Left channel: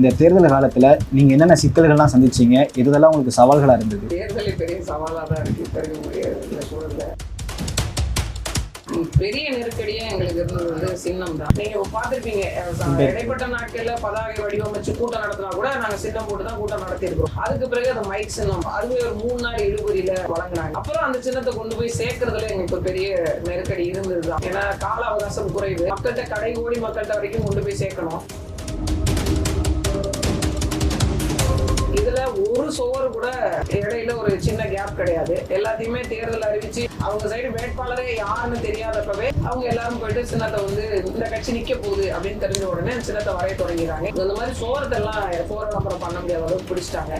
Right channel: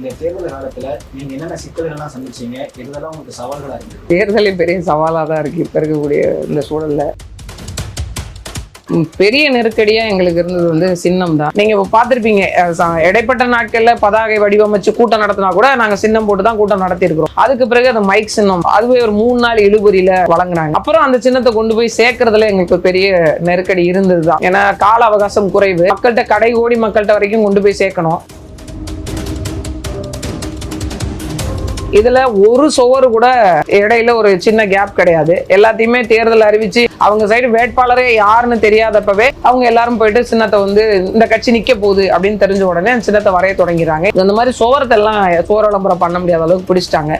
இந்த தேர்தல் காலத்துல நீங்க என்னென்ன சிக்கல்கள்லாம் சந்திச்சீங்க? இதெல்லாம் உங்களுக்கு சவால்களா இருந்தது? தேர்தலே பெரிய சவாலாக தான் இருக்குது இப்போ இருக்கக்கூடிய இந்த சூழலில். பெரிய நெருக்கடியா எங்களுக்கு இருந்தது வந்து சின்னம் தான். நீங்க இப்போ பார்த்துருப்பீங்க இடைப்பட்ட நாட்கள்ல பதாகை வடிவமைச்சு கூட்டம் நடத்தினா கூட நாங்க சின்னம் போட்டு தான் கூட்டம் நடத்தி இருக்கிறோம் அதுக்கு பிறகு அந்த மைக் சின்னம் அதுவே ஒரு மூணு நாள் இழுபறியில வழங்குனாங்க. அப்புறம் அந்த சின்னத்தை கொண்டு போய் சேர்க்கறதுல எங்களுக்கு ஒரு பெரிய நெருக்கடி இருந்தது தான் ஏன்னா கால அவகாசம் குறைவு. மக்கள்கிட்ட கடை ஓடி மக்கள்கிட்ட வரைக்கும் கொண்டு போய் சேர்க்கணும். இதுல ஒரு சுவரு கூட இடையில ஒரு சின்ன கேப் கிடையாது. எல்லாத்தையுமே தேர்தல் அறிவிச்சு அவங்க சைடு வேட்பாளரே யாருன்னு தெரியாதப்பவே அவங்க எல்லாரும் போயிட்டு சின்னத்தை வந்து இந்த கட்சி நிக்க போகுது அப்படின்னு தெரிஞ்ச உடனே சின்னத்தை வரைய தொடங்கிறாங்க. இந்த மாதிரி சுவரத்தை எல்லாம் சுவர விளம்பரம் பண்ண முடியாத அளவுக்கு பிடிச்சிட்டாங்க.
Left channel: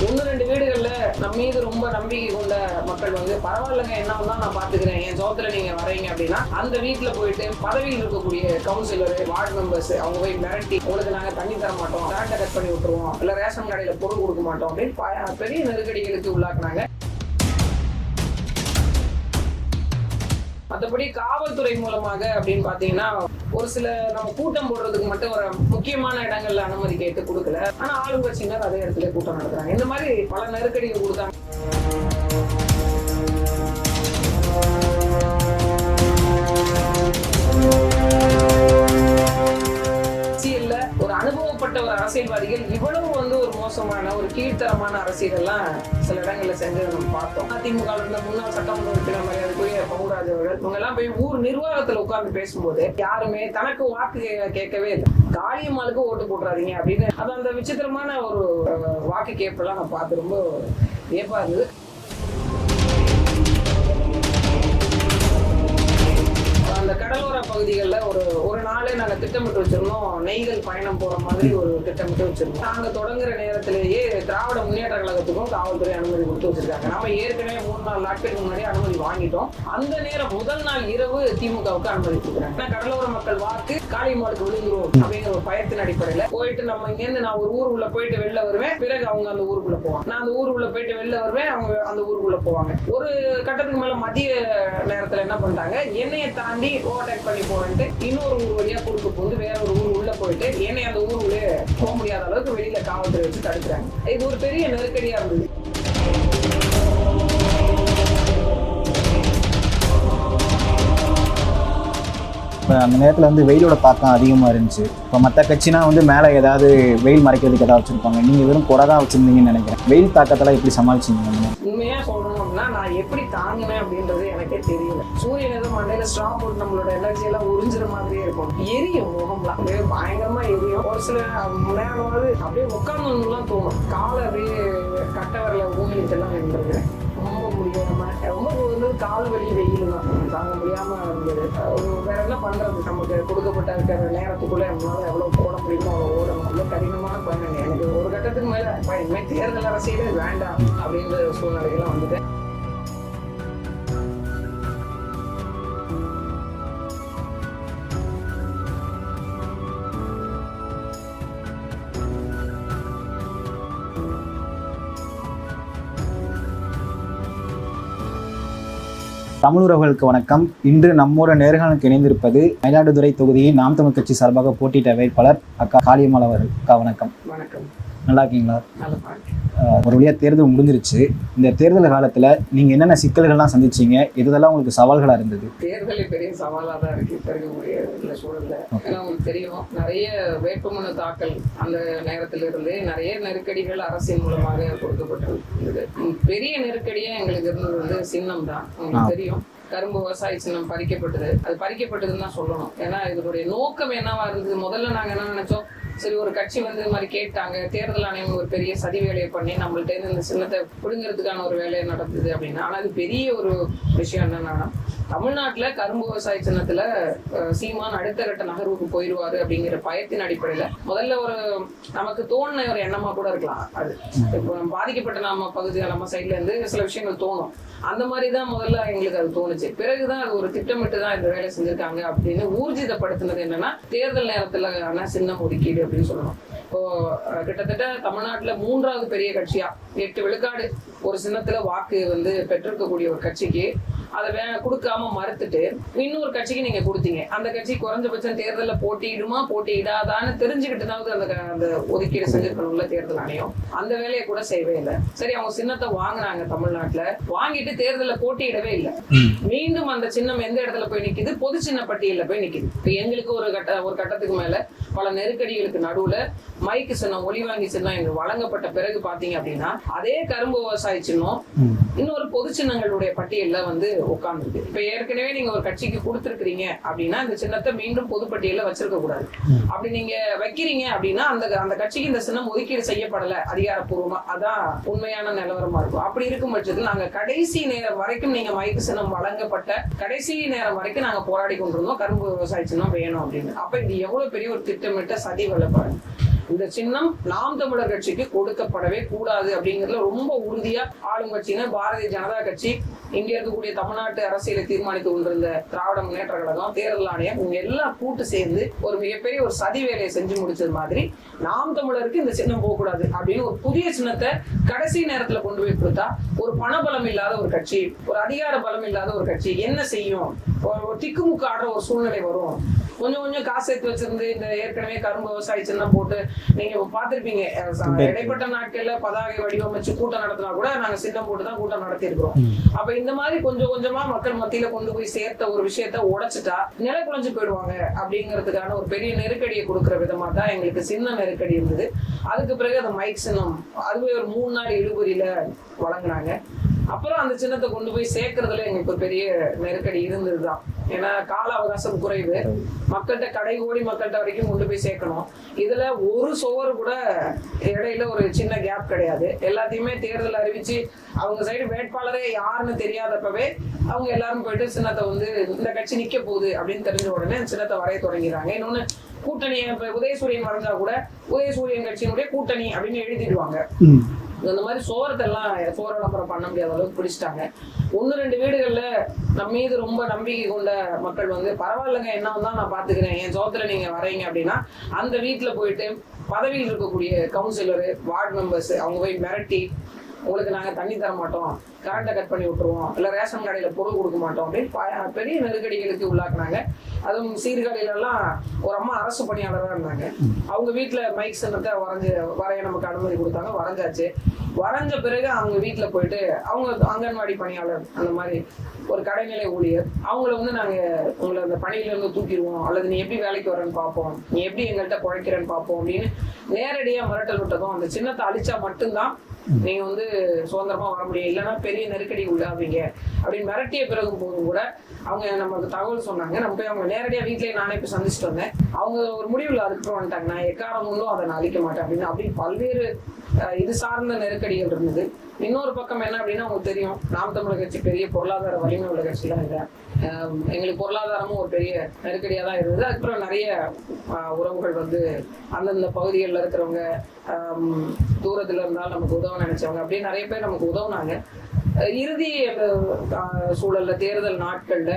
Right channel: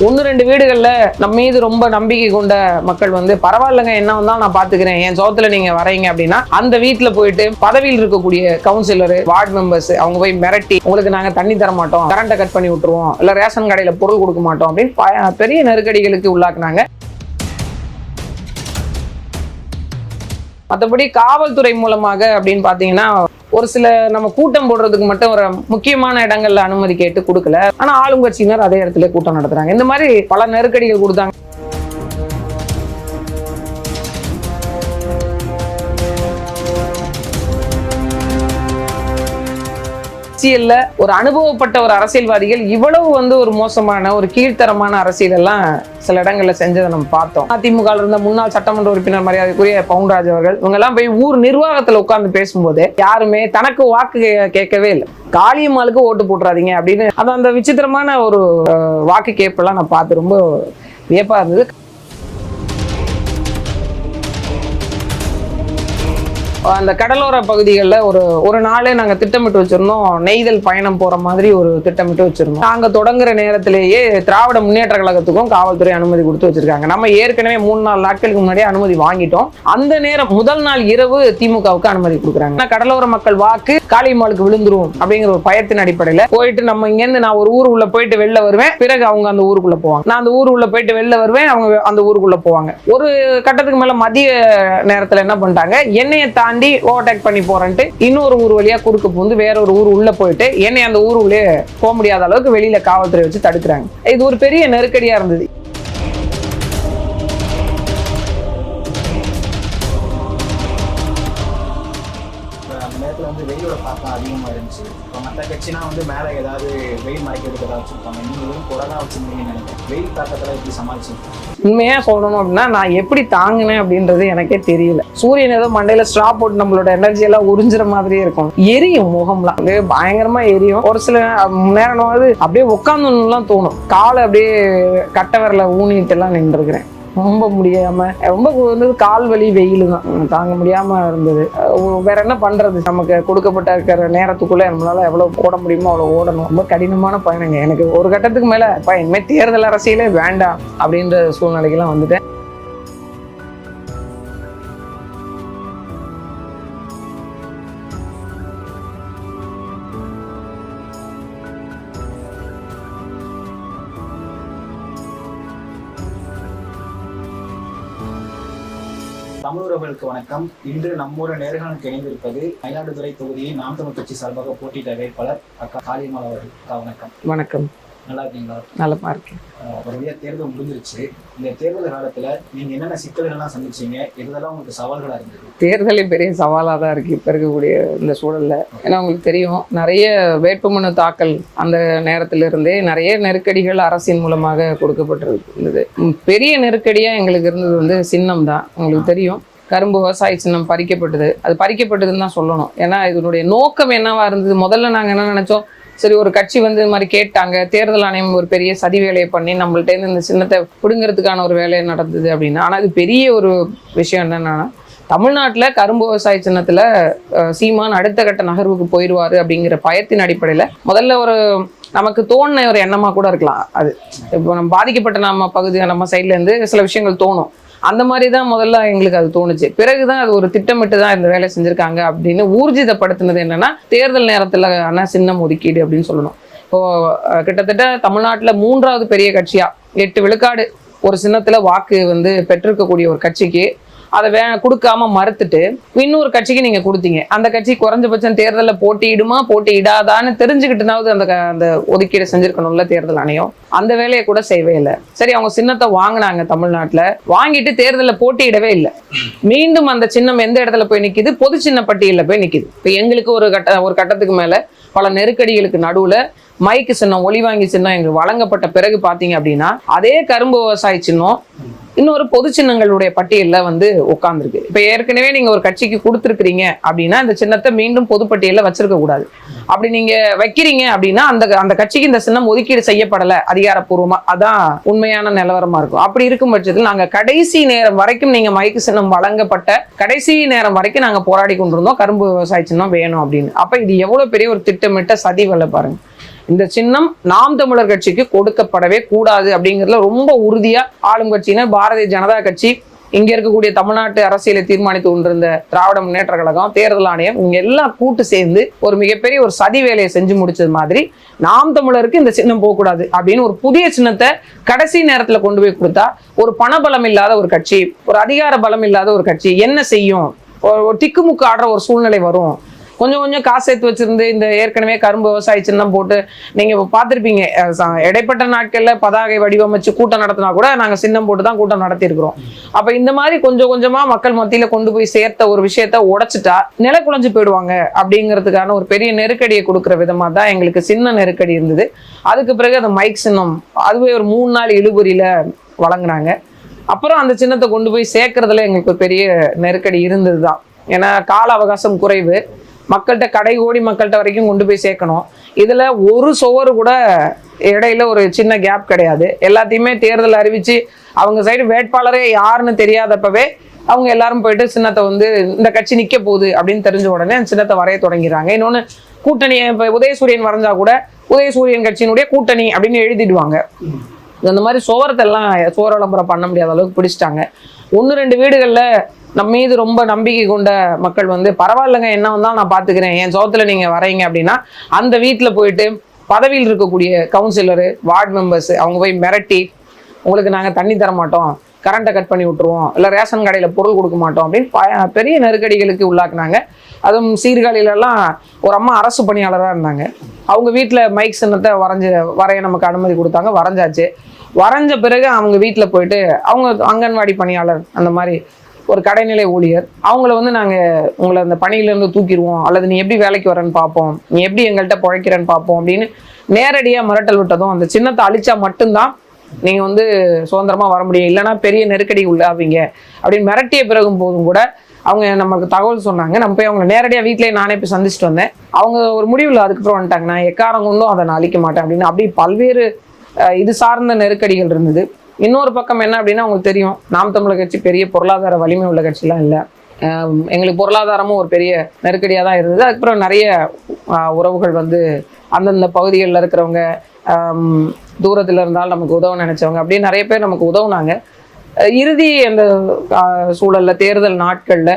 ஒன்று ரெண்டு வீடுகளில் நம்ம மீது ரொம்ப நம்பிக்கை கொண்ட மக்கள் வந்து பரவாயில்லைங்க என்ன வந்தால் நான் பார்த்துக்கிறேன் என் சோத்துல நீங்கள் வரீங்க அப்படின்னா அந்த வீட்டில் போயிட்டு பதவியில் இருக்கக்கூடிய கவுன்சிலர் வார்டு மெம்பர்ஸ் அவங்க போய் மிரட்டி உங்களுக்கு நாங்கள் தண்ணி தர மாட்டோம். கரண்ட்டை கட் பண்ணி விட்டுருவோம். இல்லை ரேஷன் கடையில் பொருள் கொடுக்க மாட்டோம். அப்படின்னு ப- பெரிய நெருக்கடிகளுக்கு உள்ளாக்குனாங்க. மற்றபடி காவல்துறை மூலமாக அப்படின்னு பார்த்தீங்கன்னா ஒரு சில நம்ம கூட்டம் போடுறதுக்கு மட்டும் ஒரு முக்கியமான இடங்கள்ல அனுமதி கேட்டு கொடுக்கல. ஆனா ஆளுங்கட்சியினர் அதே இடத்துல கூட்டம் நடத்துறாங்க. இந்த மாதிரி பல நெருக்கடிகள் கொடுத்தாங்க. அரசியல்ல ஒரு அனுபவப்பட்ட ஒரு அரசியல்வாதிகள் இவ்வளவு வந்து ஒரு மோசமான ஒரு கீழ்த்தரமான அரசியல் எல்லாம் சில இடங்கள்ல செஞ்சதை நம்ம பார்த்தோம். அதிமுக இருந்த முன்னாள் சட்டமன்ற உறுப்பினர் மரியாதைக்குரிய பவுன்ராஜ் அவர்கள் இவங்க எல்லாம் போய் ஊர் நிர்வாகத்துல உட்கார்ந்து பேசும்போது யாருமே தனக்கு வாக்கு கேட்கவே இல்லை. காளியம்மாளுக்கு ஓட்டு போட்டுறாதீங்க அப்படின்னு அது அந்த விசித்திரமான ஒரு வாக்கு கேப்பெல்லாம் நான் பார்த்து ரொம்ப வியப்பா இருந்தது. அந்த கடலோர பகுதிகளில் ஒரு ஒரு நாளே நாங்கள் திட்டமிட்டு வச்சிருந்தோம். நெய்தல் பயணம் போகிற மாதிரி ஒரு திட்டமிட்டு வச்சிருந்தோம். நாங்கள் தொடங்குற நேரத்திலேயே திராவிட முன்னேற்ற கழகத்துக்கும் காவல்துறை அனுமதி கொடுத்து வச்சிருக்காங்க. நம்ம ஏற்கனவே மூணு நாலு நாட்களுக்கு முன்னாடியே அனுமதி வாங்கிட்டோம். அந்த நேரம் முதல் நாள் இரவு திமுகவுக்கு அனுமதி கொடுக்குறாங்க. கடலோர மக்கள் வாக்கு காளியம்மாளுக்கு விழுந்துரும் அப்படிங்கிற ஒரு பயத்தின் அடிப்படையில் போயிட்டு நம்ம இங்கேருந்து நான் ஒரு ஊருக்குள்ள போயிட்டு வெளில வருவேன். பிறகு அவங்க அந்த ஊருக்குள்ள போவாங்க. நான் அந்த ஊருக்குள்ள போயிட்டு வெளில வருவேன். அவங்க அந்த ஊருக்குள்ள போவாங்க. ஒரு கட்டத்துக்கு மேல மதிய நேரத்தில் என்ன பண்ணிட்டாங்க? என்னைய தாண்டி ஓவர்டேக் பண்ணி போறேன்ட்டு இன்னொரு ஊர் வழியா குறுக்க புகுந்து வேற ஒரு ஊர் உள்ள போயிட்டு என்னை அந்த ஊர் உள்ளே போக முடியாத அளவுக்கு வெளியில காவல்துறை வச்சு தடுக்கிறாங்க. இது ஒரு பெரிய நெருக்கடியா இருந்தது. அந்த நேரத்தில் வந்து வெயிலோட தாக்கம் அதிகமாக இருந்துச்சு. இப்போ மற்ற கட்சினா வந்து மேலே ஏதாவது வெயில் மறைக்கிறதுக்கு ஏதாவது வச்சுருப்பாங்க. நீங்கள் வெறும் குறை தான் வச்சிருந்தீங்கன்னு நினைக்கிறேன். வெயில் தாக்கத்தில் எப்படி சமாளிச்சிங்க? உண்மையாக சொல்லணும் அப்படின்னா நான் எப்படி தாங்கினேன் அப்படின்றது எனக்கே தெரியல. சூரியன் ஏதோ மண்டையில் ஸ்ட்ரா போட்டு நம்மளோட எனர்ஜி எல்லாம் உறிஞ்சுற மாதிரியே இருக்கும். எரியும் முகம்லாம். அப்படியே பயங்கரமாக எரியும். ஒரு சில நேரம் வந்து அப்படியே உட்காந்துலாம் தோணும். காலை அப்படியே கட்டை வரல ஊனிட்டு எல்லாம் நின்றுருக்கிறேன். ரொம்ப முடியாம ரொம்ப வந்து கால் வலி வெயில் தான் தாங்க முடியாம இருந்தது. வேற என்ன பண்றது? நமக்கு கொடுக்கப்பட்ட இருக்கிற நேரத்துக்குள்ள நம்மளால எவ்வளவு ஓட முடியுமோ அவ்வளவு ஓடணும். ரொம்ப கடினமான பயணங்க. எனக்கு ஒரு கட்டத்துக்கு மேல "அப்பா, தேர்தல் அரசியலே வேண்டாம் அப்படின்ற சூழ்நிலைக்கெல்லாம் வந்துட்டேன். தமிழ் உறவுகளுக்கு வணக்கம். இன்று நம்மோட நேர்களுக்கு இணைந்திருப்பது மயிலாடுதுறை தொகுதியில் நாம் தமிழ் கட்சி சார்பாக போட்டியிட்ட வேட்பாளர் அக்கா காளியம்மாள் அவர்கள். அக்கா வணக்கம். வணக்கம். நல்லா இருக்கீங்களா? இருக்கேன். அஹ் ஒரு வழியா தேர்தல் முடிஞ்சிருச்சு. இந்த தேர்தல் காலத்துல நீங்க என்னென்ன சிக்கல்கள்லாம் சந்திச்சீங்க? இதெல்லாம் உங்களுக்கு சவால்களா இருந்தது? தேர்தலே பெரிய சவாலாக தான் இருக்குது இப்போ இருக்கக்கூடிய இந்த சூழலில். ஏன்னா உங்களுக்கு தெரியும் நிறைய வேட்புமனு தாக்கல் அந்த நேரத்துல இருந்தே நிறைய நெருக்கடிகள் அரசின் மூலமாக கொடுக்கப்பட்டிருந்தது. பெரிய நெருக்கடியாக எங்களுக்கு இருந்தது வந்து சின்னம் தான். உங்களுக்கு தெரியும் கரும்பு விவசாய சின்னம் பறிக்கப்பட்டது. அது பறிக்கப்பட்டதுன்னு தான் சொல்லணும். ஏன்னா இதனுடைய நோக்கம் என்னவா இருந்தது? முதல்ல நாங்கள் என்ன நினைச்சோம்? சரி ஒரு கட்சி வந்து இது மாதிரி கேட்டாங்க தேர்தல் ஆணையம் ஒரு பெரிய சதி வேலையை பண்ணி நம்மள்ட்டேருந்து இந்த சின்னத்தை பிடுங்கிறதுக்கான ஒரு வேலையை நடந்தது அப்படின்னா ஆனால் அது பெரிய ஒரு விஷயம் என்னென்னா தமிழ்நாட்டில் கரும்பு விவசாய சின்னத்தில் சீமான் அடுத்த கட்ட நகர்வுக்கு போயிடுவார் அப்படிங்கிற பயத்தின் அடிப்படையில் முதல்ல ஒரு நமக்கு தோணுன ஒரு எண்ணமாக கூட இருக்கலாம். அது இப்போ நம்ம பாதிக்கப்பட்ட நம்ம பகுதி நம்ம சைட்லேருந்து சில விஷயங்கள் தோணும். அந்த மாதிரி தான் முதல்ல எங்களுக்கு அது தோணுச்சு. பிறகுதான் அது ஒரு திட்டமிட்டு தான் இந்த வேலை செஞ்சுருக்காங்க அப்படின்னு ஊர்ஜிதப்படுத்தினது என்னன்னா தேர்தல் நேரத்தில் ஆனால் சின்னம் ஒதுக்கீடு அப்படின்னு சொல்லணும். இப்போ கிட்டத்தட்ட தமிழ்நாட்டில் மூன்றாவது பெரிய கட்சியா எட்டு விழுக்காடு ஒரு சின்னத்துல வாக்கு வந்து பெற்றிருக்கக்கூடிய ஒரு கட்சிக்கு அதை வே கொடுக்காம மறுத்துட்டு இன்னொரு கட்சிக்கு நீங்க கொடுத்தீங்க. அந்த கட்சி குறைஞ்சபட்சம் தேர்தலில் போட்டியிடுமா போட்டியிடாதான்னு தெரிஞ்சுக்கிட்டுனாவது அந்த அந்த ஒதுக்கீடு செஞ்சிருக்கணும்ல தேர்தல் ஆணையம். அந்த வேலையை கூட செய்யவே இல்லை. சரி அவங்க சின்னத்தை வாங்கினாங்க தமிழ்நாட்டுல. வாங்கிட்டு தேர்தலில் போட்டியிடவே இல்லை. மீண்டும் அந்த சின்னம் எந்த இடத்துல போய் நிக்குது? பொது சின்ன பட்டியல்ல போய் நிக்குது. இப்போ எங்களுக்கு ஒரு கட்ட ஒரு கட்டத்துக்கு மேல பல நெருக்கடிகளுக்கு நடுவுல மைக்கு சின்னம் ஒளிவாங்கி சின்னம் எங்களுக்கு வழங்கப்பட்ட பிறகு பாத்தீங்க அப்படின்னா அதே கரும்பு விவசாய சின்னம் இன்னொரு பொது சின்னங்களுடைய பட்டியலில் வந்து உட்காந்துருக்கு இப்போ ஏற்கனவே நீங்கள் ஒரு கட்சிக்கு கொடுத்துருக்கீங்க அப்படின்னா இந்த சின்னத்தை மீண்டும் பொது பட்டியல்ல வச்சிருக்க கூடாது. அப்படி நீங்கள் வைக்கிறீங்க அப்படின்னா அந்த அந்த கட்சிக்கு இந்த சின்னம் ஒதுக்கீடு செய்யப்படலை அதிகாரப்பூர்வமாக அதான் உண்மையான நிலவரமாக இருக்கும். அப்படி இருக்கும் பட்சத்தில் நாங்கள் கடைசி நேரம் வரைக்கும் நீங்கள் மைக்கு சின்னம் வழங்கப்பட்ட கடைசி நேரம் வரைக்கும் நாங்கள் போராடி கொண்டிருந்தோம். கரும்பு விவசாய சின்னம் வேணும் அப்படின்னு. அப்போ இது எவ்வளோ பெரிய ஒரு திட்டமிட்ட சதி வேலை பாருங்கள் இந்த சின்னம் நாம் தமிழர் கட்சிக்கு கொடுக்கப்படவே கூடாது அப்படிங்கிறதுல ரொம்ப உறுதியா ஆளும் கட்சியினர் பாரதிய ஜனதா கட்சி இங்க இருக்கக்கூடிய தமிழ்நாட்டு அரசியலை தீர்மானித்து கொண்டிருந்த திராவிட முன்னேற்ற கழகம் தேர்தல் ஆணையம் இவங்க எல்லாம் கூட்டு சேர்ந்து ஒரு மிகப்பெரிய ஒரு சதி வேலையை செஞ்சு முடிச்சது மாதிரி நாம் தமிழருக்கு இந்த சின்னம் போகக்கூடாது அப்படின்னு ஒரு புதிய சின்னத்தை கடைசி நேரத்துல கொண்டு போய் கொடுத்தா ஒரு பணபலம் இல்லாத ஒரு கட்சி ஒரு அதிகார பலம் இல்லாத ஒரு கட்சி என்ன செய்யும்? ஒரு திக்குமுக்கு ஆடுற ஒரு சூழ்நிலை வரும். கொஞ்சம் கொஞ்சம் காசு சேர்த்து வச்சிருந்து இந்த ஏற்கனவே கரும்பு விவசாய சின்னம் போட்டு நீங்க பார்த்திருப்பீங்க. இடைப்பட்ட நாட்கள்ல பதாகை வடிவமைச்சு கூட்டம் நடத்தினா கூட நாங்க சின்னம் போட்டு தான் கூட்டம் நடத்தி இருக்கிறோம் அப்ப இந்த மாதிரி கொஞ்சம் கொஞ்சமா மக்கள் மத்தியில கொண்டு போய் சேர்த்த ஒரு விஷயத்த உடைச்சிட்டா நில குலைஞ்சு போயிடுவாங்க அப்படிங்கிறதுக்கான ஒரு பெரிய நெருக்கடியை கொடுக்குற விதமா தான் எங்களுக்கு சின்ன நெருக்கடி இருந்தது. அதுக்கு பிறகு அந்த மைக் சின்னம் அதுவே ஒரு மூணு நாள் இழுபறியில வழங்கினாங்க. அப்புறம் அந்த சின்னத்தை கொண்டு போய் சேர்க்கறதுல எங்களுக்கு பெரிய நெருக்கடி இருந்தது தான் ஏன்னா கால அவகாசம் குறைவு. மக்கள்கிட்ட கடை ஓடி மக்கள்கிட்ட வரைக்கும் கொண்டு போய் சேர்க்கணும். இதில் ஒரு சுவர் கூட இடையில ஒரு சின்ன கேப் கிடையாது. எல்லாத்தையுமே தேர்தல் அறிவித்து அவங்க சைடு வேட்பாளரே யாருன்னு தெரியாதப்பவே அவங்க எல்லாரும் போயிட்டு சின்னத்தை வந்து இந்த கட்சி நிற்க போகுது அப்படின்னு தெரிஞ்ச உடனே அந்த சின்னத்தை வரைய தொடங்கிறாங்க. இன்னொன்று கூட்டணி இப்போ உதயசூரியன் வரைஞ்சா கூட உதயசூரியன் கட்சியினுடைய கூட்டணி அப்படின்னு எழுதிடுவாங்க. அந்த மாதிரி சுவரத்தெல்லாம் சுவர விளம்பரம் பண்ண முடியாத அளவுக்கு பிடிச்சிட்டாங்க. ஒன்று ரெண்டு வீடுகளில் நம்ம மீது ரொம்ப நம்பிக்கை கொண்ட மக்கள் வந்து பரவாயில்லைங்க என்ன வந்தால் நான் பார்த்துக்கிறேன் என் சோத்தில் நீங்கள் வரீங்க அப்படின்னா அந்த வீட்டில் போயிட்டு பதவியில் இருக்கக்கூடிய கவுன்சிலரு வார்டு மெம்பர்ஸ் அவங்க போய் மிரட்டி உங்களுக்கு நாங்கள் தண்ணி தர மாட்டோம் கரண்ட்டை கட் பண்ணி விட்டுருவோம் இல்லை ரேஷன் கடையில் பொருள் கொடுக்க மாட்டோம் அப்படின்னு ப- பெரிய நெருக்கடிகளுக்கு உள்ளாக்குனாங்க. அதுவும் சீர்காழியிலலாம் ஒரு அம்மா அரசு பணியாளராக இருந்தாங்க. அவங்க வீட்டில் மைக் சின்னத்தை வரைஞ்சி வரைய நமக்கு அனுமதி கொடுத்தாங்க வரைஞ்சாச்சு. வரைஞ்ச பிறகு அவங்க வீட்டில் போயிட்டு அவங்க அங்கன்வாடி பணியாளர் அந்த மாதிரி ஒரு கடைநிலை ஊழியர். அவங்கள வந்து நாங்கள் உங்களை அந்த பணியிலேருந்து தூக்கிடுவோம் அல்லது நீ எப்படி வேலைக்கு வரேன்னு பார்ப்போம் நீ எப்படி எங்கள்கிட்ட பிழைக்கிறேன்னு பார்ப்போம் அப்படின்னு நேரடியாக மிரட்டல் விட்டதும் அந்த சின்னத்தை அழிச்சா மட்டும்தான் நீங்க வந்து சுதந்திரமா வர முடியும். இல்லைன்னா பெரிய நெருக்கடி உள்ளாவீங்க. அப்படின்னு மிரட்டிய பிறகும் போதும் கூட அவங்க நமக்கு தகவல் சொன்னாங்க. நம்ம போய் அவங்க நேரடியாக வீட்டிலே நானே போய் சந்திச்சுட்டு வந்தேன். அவங்க ஒரு முடிவில் அதுக்கப்புறம் வந்துட்டாங்க. நான் எக்காரம் கொண்டும் அதை நான் அழிக்க மாட்டேன் அப்படின்னு. அப்படி பல்வேறு இது சார்ந்த நெருக்கடிகள் இருந்தது. இன்னொரு பக்கம் என்ன அப்படின்னா அவங்களுக்கு தெரியும். நாம் தமிழர் கட்சி பெரிய பொருளாதார வலிமை உள்ள கட்சிலாம் இல்லை. எங்களுக்கு பொருளாதாரமும் ஒரு பெரிய நெருக்கடியாக தான் இருந்தது. அதுக்கப்புறம் நிறைய உறவுகள் வந்து அந்தந்த பகுதிகளில் இருக்கிறவங்க தூரத்தில் இருந்தாலும் நமக்கு உதவ நினைச்சவங்க. அப்படியே நிறைய பேர் நமக்கு உதவுனாங்க. இறுதி அந்த சூழலில் தேர்தல் நாட்களில்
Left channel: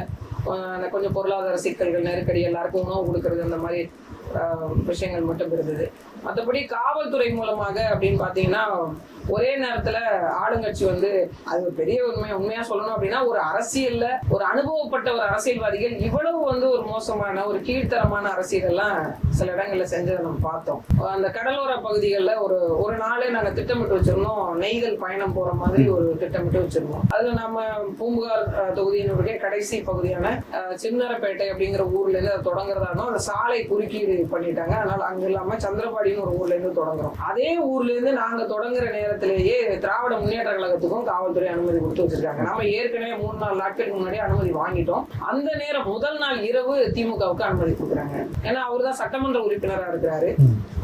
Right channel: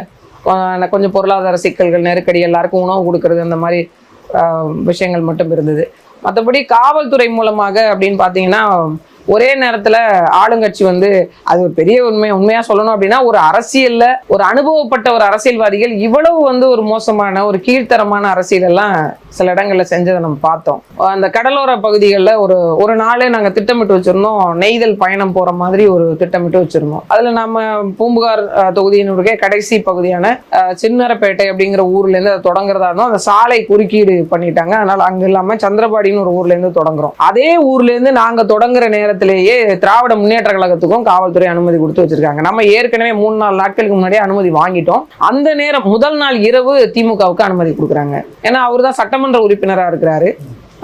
கொஞ்சம் பொருளாதார சிக்கல்கள் நெருக்கடி எல்லாருக்கும் உணவு கொடுக்கறது அந்த மாதிரி விஷயங்கள் மட்டும் இருந்தது. மற்றபடி காவல்துறை மூலமாக அப்படின்னு பார்த்தீங்கன்னா ஒரே நேரத்துல ஆளுங்கட்சி வந்து அது ஒரு பெரிய உண்மை உண்மையா சொல்லணும் அப்படின்னா ஒரு அரசியல்ல ஒரு அனுபவப்பட்ட ஒரு அரசியல்வாதிகள் இவ்வளவு வந்து ஒரு மோசமான ஒரு கீழ்த்தரமான அரசியல் எல்லாம் சில இடங்கள்ல செஞ்சதை நம்ம பார்த்தோம். அந்த கடலோர பகுதிகளில் ஒரு ஒரு நாளே நாங்க திட்டமிட்டு வச்சிருந்தோம் நெய்தல் பயணம் போற மாதிரி ஒரு திட்டமிட்டு வச்சிருந்தோம். அதுல நம்ம பூம்புகார் அஹ், தொகுதியினுடைய கடைசி பகுதியான சின்னரப்பேட்டை அப்படிங்கிற ஊர்ல இருந்து அதை தொடங்குறதா இருந்தோம். அந்த சாலை குறுக்கீடு பண்ணிட்டாங்க. அதனால அங்க இல்லாம சந்திரபாடின்னு ஒரு ஊர்ல இருந்து தொடங்குறோம். அதே ஊர்ல இருந்து நாங்க தொடங்குற நேரத்திலேயே திராவிட முன்னேற்ற கழகத்துக்கும் காவல்துறை அனுமதி கொடுத்து வச்சிருக்காங்க. நம்ம ஏற்கனவே மூணு நாலு நாட்களுக்கு முன்னாடியே அனுமதி வாங்கிட்டோம். அந்த நேரம் முதல் நாள் இரவு திமுகவுக்கு அனுமதி கொடுக்குறாங்க. ஏன்னா அவர் தான் சட்டமன்ற உறுப்பினரா இருக்கிறாரு.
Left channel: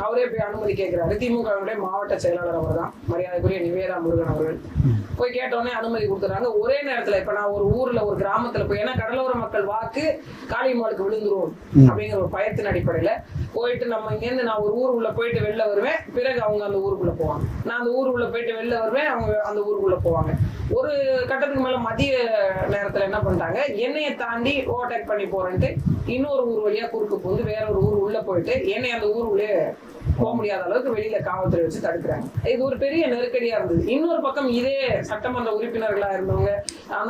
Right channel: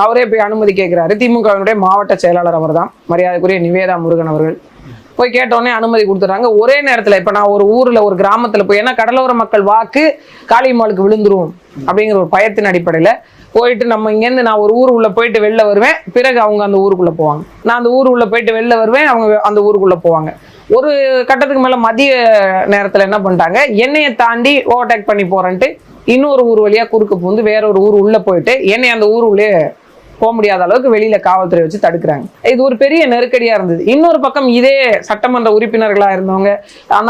அவரே போய் அனுமதி கேட்கிறாரு. திமுகவினுடைய மாவட்ட செயலாளர் அவர் தான் மரியாதைக்குரிய நிவேதா முருகன் அவர்கள். போய் கேட்டோடனே அனுமதி கொடுத்துறாங்க. ஒரே நேரத்தில் இப்போ நான் ஒரு ஊரில் ஒரு கிராமத்தில் போய் ஏன்னா கடலோர மக்கள் வாக்கு காளியம்மாளுக்கு விழுந்துரும் அப்படிங்கிற ஒரு பயத்தின் அடிப்படையில் போயிட்டு நம்ம இங்கேருந்து நான் ஒரு ஊர் உள்ள போயிட்டு வெளில வருவேன். பிறகு அவங்க அந்த ஊருக்குள்ளே போவாங்க. நான் அந்த ஊர் உள்ள போயிட்டு வெளில வருவேன் அவங்க அந்த ஊருக்குள்ளே போவாங்க. ஒரு கட்டத்துக்கு மேலே மதிய நேரத்தில் என்ன பண்ணிட்டாங்க? என்னையை தாண்டி ஓவர்டேக் பண்ணி போகிறேன்ட்டு இன்னொரு ஊர் வழியாக குறுக்கு பூந்து வேற ஒரு ஊர் உள்ளே போயிட்டு என்னை அந்த ஊர் உள்ளே போக முடியாத அளவுக்கு வெளியில காவல்துறை வச்சு தடுக்கிறாங்க. இது ஒரு பெரிய நெருக்கடியா இருந்தது. இன்னொரு பக்கம் இதே சட்டமன்ற உறுப்பினர்களா இருந்தவங்க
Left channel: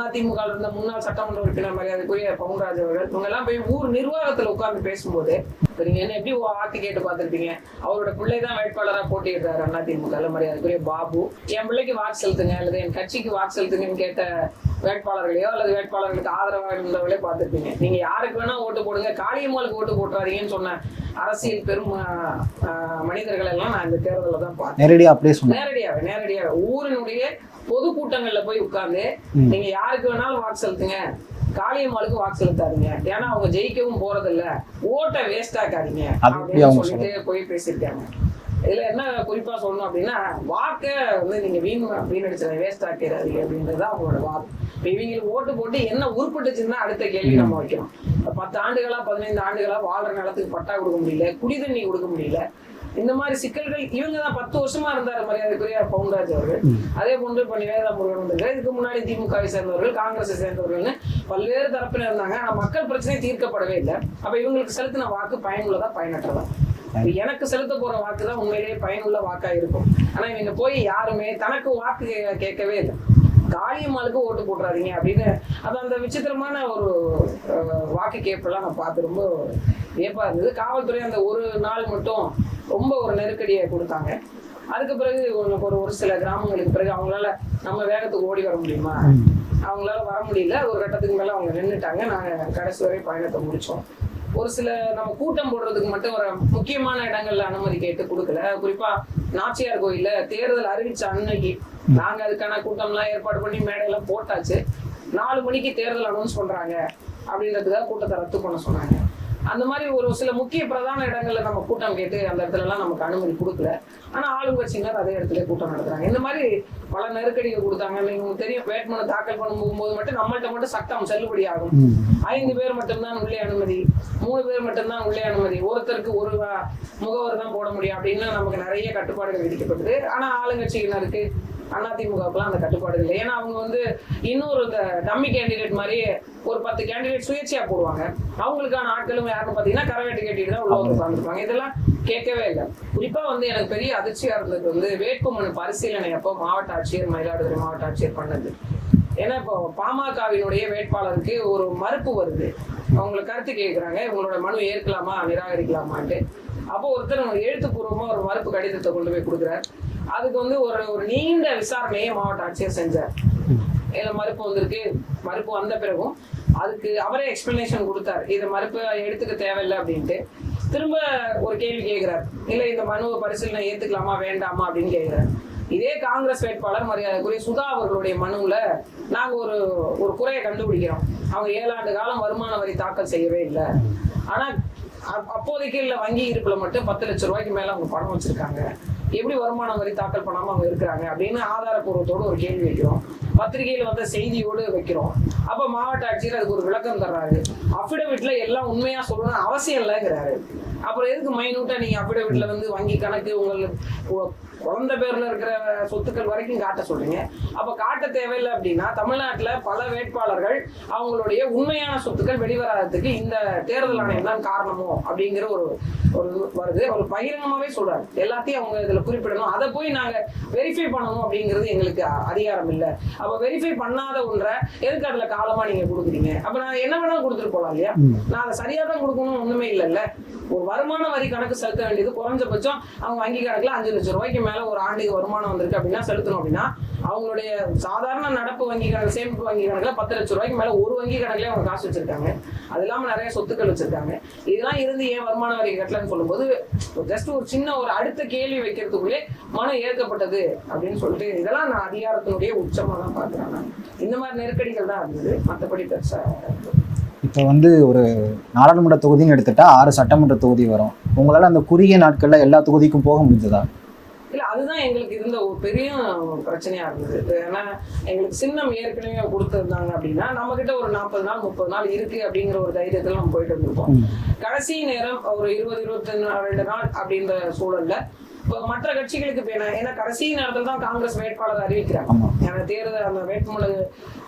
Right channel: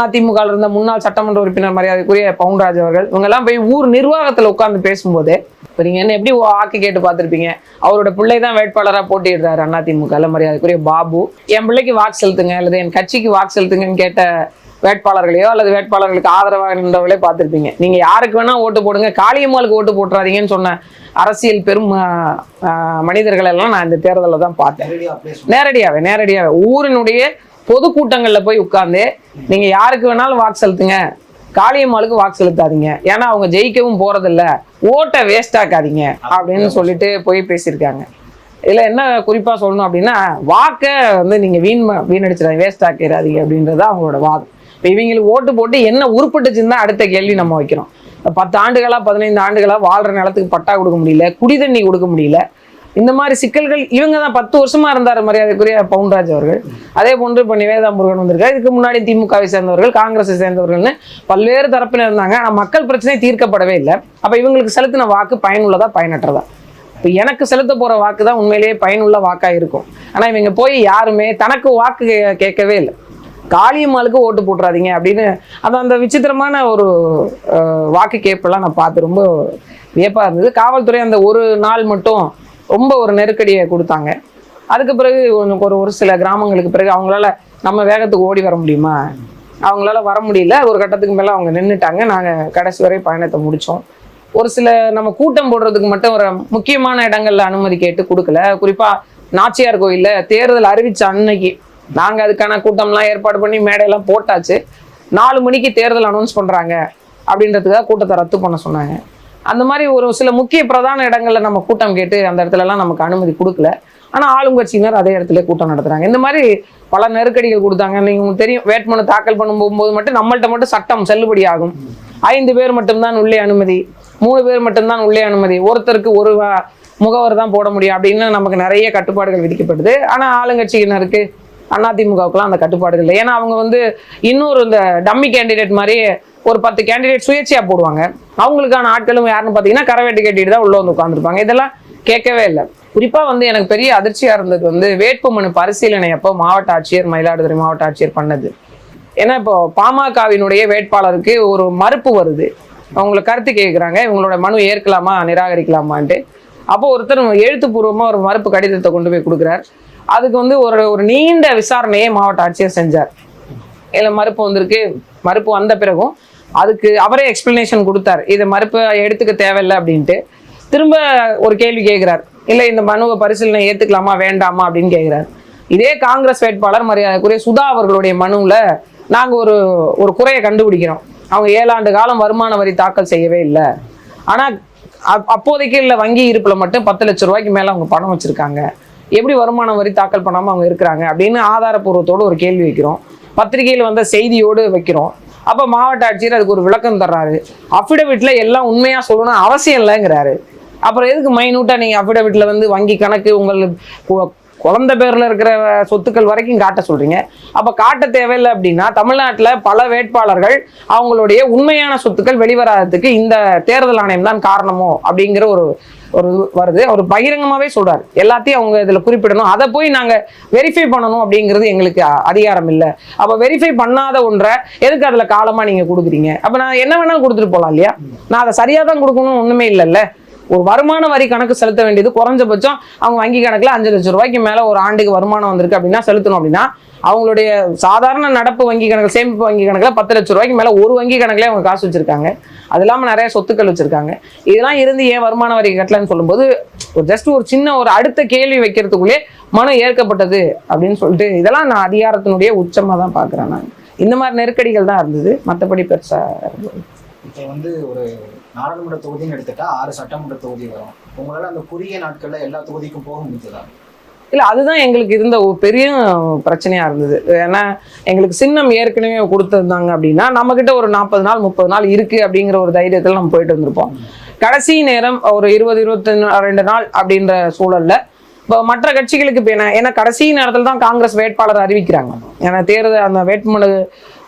அதிமுக இருந்த முன்னாள் சட்டமன்ற உறுப்பினர் மரியாதைக்குரிய பவுன்ராஜ் அவர்கள் இவங்க எல்லாம் போய் ஊர் நிர்வாகத்துல உட்கார்ந்து பேசும்போதே இப்போ நீங்க என்ன எப்படி வாக்கு கேட்டு பார்த்துருப்பீங்க? அவரோட பிள்ளை தான் வேட்பாளரா போட்டியிடுறாரு அதிமுக மரியாதைக்குரிய பாபு. என் பிள்ளைக்கு வாக்கு செலுத்துங்க அல்லது என் கட்சிக்கு வாக்கு செலுத்துங்கன்னு கேட்ட வேட்பாளர்களையோ அல்லது வேட்பாளர்களுக்கு ஆதரவாக நின்றவர்களே பார்த்திருப்பீங்க. நீங்க யாருக்கு வேணா ஓட்டு போடுங்க. காளியம்மாளுக்கு ஓட்டு போட்டுறாதீங்கன்னு சொன்ன அரசியல் பெரும் மனிதர்கள் எல்லாம் நான் இந்த தேர்தலில் தான் பார்த்தேன். நேரடியாக நேரடியாவே நேரடியாவே. ஊரினுடைய பொதுக்கூட்டங்கள்ல போய் உட்கார்ந்து நீங்க யாருக்கு வேணாலும் வாக்கு செலுத்துங்க. காளியம்மாளுக்கு வாக்கு செலுத்தாதீங்க. ஏன்னா அவங்க ஜெயிக்கவும் போறதில்ல. ஓட்டை வேஸ்ட் ஆக்காதீங்க அப்படின்னு சொல்லிட்டு போய் பேசியிருக்காங்க. இதுல என்ன குறிப்பா சொல்லணும் அப்படின்னா வாக்கை வந்து நீங்க வீண் வீணடிச்சிடாதீங்க வேஸ்ட் ஆக்கிடாதீங்க அப்படின்றது அவங்களோட வாதம் இப்போ இவங்களுக்கு ஓட்டு போட்டு என்ன உருப்பட்டுச்சுன்னு தான் அடுத்த கேள்வி நம்ம வைக்கிறோம். பத்து ஆண்டுகளா பதினைந்து ஆண்டுகளா வாழ்ற நிலத்துக்கு பட்டா கொடுக்க முடியல குடி தண்ணி கொடுக்க முடியல. இந்த மாதிரி சிக்கல்கள் இவங்க தான் பத்து வருஷமா இருந்தார் மரியாதைக்குரிய பவுன்ராஜ் அவர்கள். அதே போன்று இப்போ நிவேதா முருகன் வந்திருக்காரு. இதுக்கு முன்னாடி திமுகவை சேர்ந்தவர்கள் காங்கிரஸை சேர்ந்தவர்கள்னு பல்வேறு தரப்பினர் இருந்தாங்க. ஆனால் மக்கள் பிரச்சனை தீர்க்கப்படவே இல்லை. அப்போ இவங்களுக்கு செலுத்தின வாக்கு பயனுள்ளதா பயனற்றதா? இப்போ எனக்கு செலுத்த போற வாக்கு தான் உண்மையிலேயே பயனுள்ள வாக்கா இருக்கும். ஆனா இவங்க போய் யாருமே தனக்கு வாக்கு கேட்கவே இல்லை. காளியம்மாளுக்கு ஓட்டு போட்டுறாதீங்க அப்படின்னு அது அந்த விசித்திரமான ஒரு வாக்கு கேப்பெல்லாம் நான் பார்த்து ரொம்ப வியப்பாக இருந்தது. காவல்துறை அந்த ஒரு நாள் மட்டும் ரொம்ப ஒரு நெருக்கடியை கொடுத்தாங்க. அதுக்கு பிறகு கொஞ்சம் ஒரு ஒரு சில கிராமங்களுக்கு பிறகு அவங்களால நம்ம வேகத்துக்கு ஓடி வர முடியுமா? அவங்களால வர முடியல. ஒரு கட்டத்துக்கு மேலே அவங்க நின்றுட்டாங்க நாங்கள் கடைசி வரை பயணத்தை முடித்தோம் ஒரு சில நம்ம கூட்டம் போடுறதுக்கு மட்டும் ஒரு முக்கியமான இடங்கள்ல அனுமதி கேட்டு கொடுக்கல. குறிப்பாக நாச்சியார் கோயிலில் தேர்தல் அறிவிச்ச அன்னைக்கு நாங்க அதுக்கான கூட்டம்லாம் ஏற்பாடு பண்ணி மேடையெல்லாம் போட்டாச்சு. நாலு மணிக்கு தேர்தல் அனௌன்ஸ் பண்றாங்க. அப்படின்றதுக்காக கூட்டத்தை ரத்து பண்ண சொன்னாங்க. அந்த மாதிரி ஒரு சில முக்கிய பிரதான இடங்கள்ல நம்ம கூட்டம் கேட்டு அந்த இடத்துல எல்லாம் நமக்கு அனுமதி கொடுக்கல. ஆனா ஆளுங்கட்சியினர் அதே இடத்துல கூட்டம் நடத்துறாங்க. இந்த மாதிரி பல நெருக்கடிகள் கொடுத்தாங்க. நீங்க உங்களுக்கு தெரியும் வேட்புமனு தாக்கல் பண்ணும்போது மட்டும் நம்மள்ட்ட மட்டும் சட்டம் செல்லுபடி ஆகும். ஐந்து பேர் மட்டும்தான் உள்ளே அனுமதி மூணு பேர் மட்டும்தான் உள்ளே அனுமதி ஒருத்தருக்கு ஒரு முகவர் தான் போட முடியும் அப்படின்னு நமக்கு நிறைய கட்டுப்பாடுகள் விதிக்கப்படுது. ஆனா ஆளுங்கட்சியினருக்கு அதிமுகவுக்குலாம் அந்த கட்டுப்பாடு இல்லை. ஏன்னா அவங்க வந்து இன்னொரு இந்த டம்மி கேண்டிடேட் மாதிரி ஒரு பத்து கேண்டிடேட் சுயேட்சையாக போடுவாங்க. அவங்களுக்கான ஆட்களும் யாருன்னு பார்த்தீங்கன்னா கரவேட்டு கேட்டுட்டு தான் உள்ள வந்து உட்காந்துருப்பாங்க இதெல்லாம் கேட்கவே இல்லை. குறிப்பாக வந்து எனக்கு பெரிய அதிர்ச்சியாக இருந்தது வந்து வேட்புமனு பரிசீலனை அப்போ மாவட்ட ஆட்சியர் மயிலாடுதுறை மாவட்ட ஆட்சியர் பண்ணது. ஏன்னா இப்போ பாமகவினுடைய வேட்பாளருக்கு ஒரு மறுப்பு வருது. அவங்கள கருத்து கேட்குறாங்க இவங்களோட மனு ஏற்கலாமா நிராகரிக்கலாமான்ட்டு. அப்போ ஒருத்தர் எழுத்துப்பூர்வமாக ஒரு மறுப்பு கடிதத்தை கொண்டு போய் கொடுக்குறாரு. அதுக்கு வந்து ஒரு ஒரு நீண்ட விசாரணையை மாவட்ட ஆட்சியர் செஞ்சார். இதில் மறுப்பு வந்திருக்கு. மறுப்பு வந்த பிறகும் அதுக்கு அவரே எக்ஸ்பிளனேஷன் கொடுத்தார். இதை மறுப்பு எடுத்துக்க தேவையில்லை அப்படின்ட்டு. திரும்ப ஒரு கேள்வி கேட்குறார். இல்லை இந்த மனுவை பரிசீலனை ஏற்றுக்கலாமா வேண்டாமா? அப்படின்னு கேட்குறாரு. இதே காங்கிரஸ் வேட்பாளர் மரியாதைக்குரிய சுதா அவர்களுடைய மனுவில் நாங்கள் ஒரு ஒரு குறையை கண்டுபிடிக்கிறோம். அவங்க ஏழாண்டு காலம் வருமான வரி தாக்கல் செய்யவே இல்லை. ஆனால் அப்- அப்போதைக்கு இல்லை வங்கி இருப்பில் மட்டும் பத்து லட்ச ரூபாய்க்கு மேலே அவங்க பணம் வச்சுருக்காங்க. எப்படி வருமான வரி தாக்கல் பண்ணாமல் அவங்க இருக்கிறாங்க அப்படின்னு ஆதாரப்பூர்வத்தோட ஒரு கேள்வி வைக்கிறோம். பத்திரிகையில் வந்த செய்தியோடு வைக்கிறோம். அப்போ மாவட்ட ஆட்சியர் அதுக்கு ஒரு விளக்கம் தர்றாரு. அஃபிடவிட்டில் எல்லாம் உண்மையாக சொல்லணும் அவசியம் இல்லைங்கிறாரு. அப்புறம் எதுக்கு மைனூட்டாக நீங்கள் அஃபிடவிட்டில் வந்து வங்கி கணக்கு உங்கள் குழந்தை பேரில் இருக்கிற சொத்துக்கள் வரைக்கும் காட்ட சொல்கிறீங்க அப்போ காட்ட தேவையில்லை அப்படின்னா தமிழ்நாட்டில் பல வேட்பாளர்கள் அவங்களுடைய உண்மையான சொத்துக்கள் வெளிவராததுக்கு இந்த தேர்தல் ஆணையம் தான் காரணமோ அப்படிங்கிற ஒரு ஒரு வருது. அவர் பகிரங்கமாகவே சொல்கிறார் எல்லாத்தையும் அவங்க இதில் குறிப்பிடணும். அதை போய் நாங்கள் வெரிஃபை பண்ணணும் அப்படிங்கிறது எங்களுக்கு அதிகாரம் இல்லை. அப்போ வெரிஃபை பண்ணாத ஒன்றை எதுக்கு அதில் காலமாக நீங்கள் கொடுக்குறீங்க? அப்போ நான் என்ன வேணாலும் கொடுத்துட்டு போகலாம் இல்லையா? நான் அதை சரியாக தான் கொடுக்கணும் ஒன்றுமே இல்லைல்ல. ஒரு வருமான வரி கணக்கு செலுத்த வேண்டியது குறைஞ்சபட்சம் அவங்க வங்கி கணக்கில் அஞ்சு லட்சம் ரூபாய்க்கு மேலே ஒரு ஆண்டுக்கு வருமானம் வந்திருக்கு அப்படின்னா செலுத்தணும் அப்படின்னா அவங்களுடைய சாதாரண நடப்பு வங்கி கணக்கு சேமிப்பு வங்கி கணக்கில் பத்து லட்சம் ரூபாய்க்கு மேலே ஒரு வங்கி கணக்கில் அவங்க காசு வச்சிருக்காங்க. அது இல்லாமல் நிறைய சொத்துக்கள் வச்சிருக்காங்க. இதெல்லாம் இருந்து ஏன் வருமான வரி கட்டலன்னு சொல்லும்போது ஒரு ஜஸ்ட் ஒரு சின்ன ஒரு அடுத்த கேள்வி வைக்கிறதுக்குள்ளே மனம் ஏற்கப்பட்டது அப்படின்னு சொல்லிட்டு இதெல்லாம் நான் அதிகாரத்தினுடைய உச்சமாக தான் பார்க்குறேன் நான். இந்த மாதிரி நெருக்கடிகள் தான் இருந்தது. மற்றபடி பெருசாக இருந்தது. இப்போ வந்து ஒரு நாடாளுமன்ற தொகுதின்னு எடுத்துட்டா ஆறு சட்டமன்ற தொகுதி வரும். உங்களால அந்த குறுகிய நாட்கள்ல எல்லா தொகுதிக்கும் போக முடிஞ்சதா? இல்ல அதுதான் எங்களுக்கு இருந்த ஒரு பெரிய பிரச்சனையா இருந்தது. ஏன்னா எங்களுக்கு சின்னம் ஏற்கனவே கொடுத்துருந்தாங்க அப்படின்னா நம்ம கிட்ட ஒரு நாற்பது நாள் முப்பது நாள் இருக்கு அப்படிங்கிற ஒரு தைரியத்துல நம்ம போயிட்டு வந்திருப்போம். கடைசி நேரம் ஒரு இருபது இருபத்தி ரெண்டு நாள் அப்படின்ற சூழல்ல இப்போ மற்ற கட்சிகளுக்கு இப்போ என்ன ஏன்னா கடைசி நேரத்தில் தான் காங்கிரஸ் வேட்பாளர் அறிவிக்கிறாங்க. ஏன்னா தேர்தல் அந்த வேட்புமனு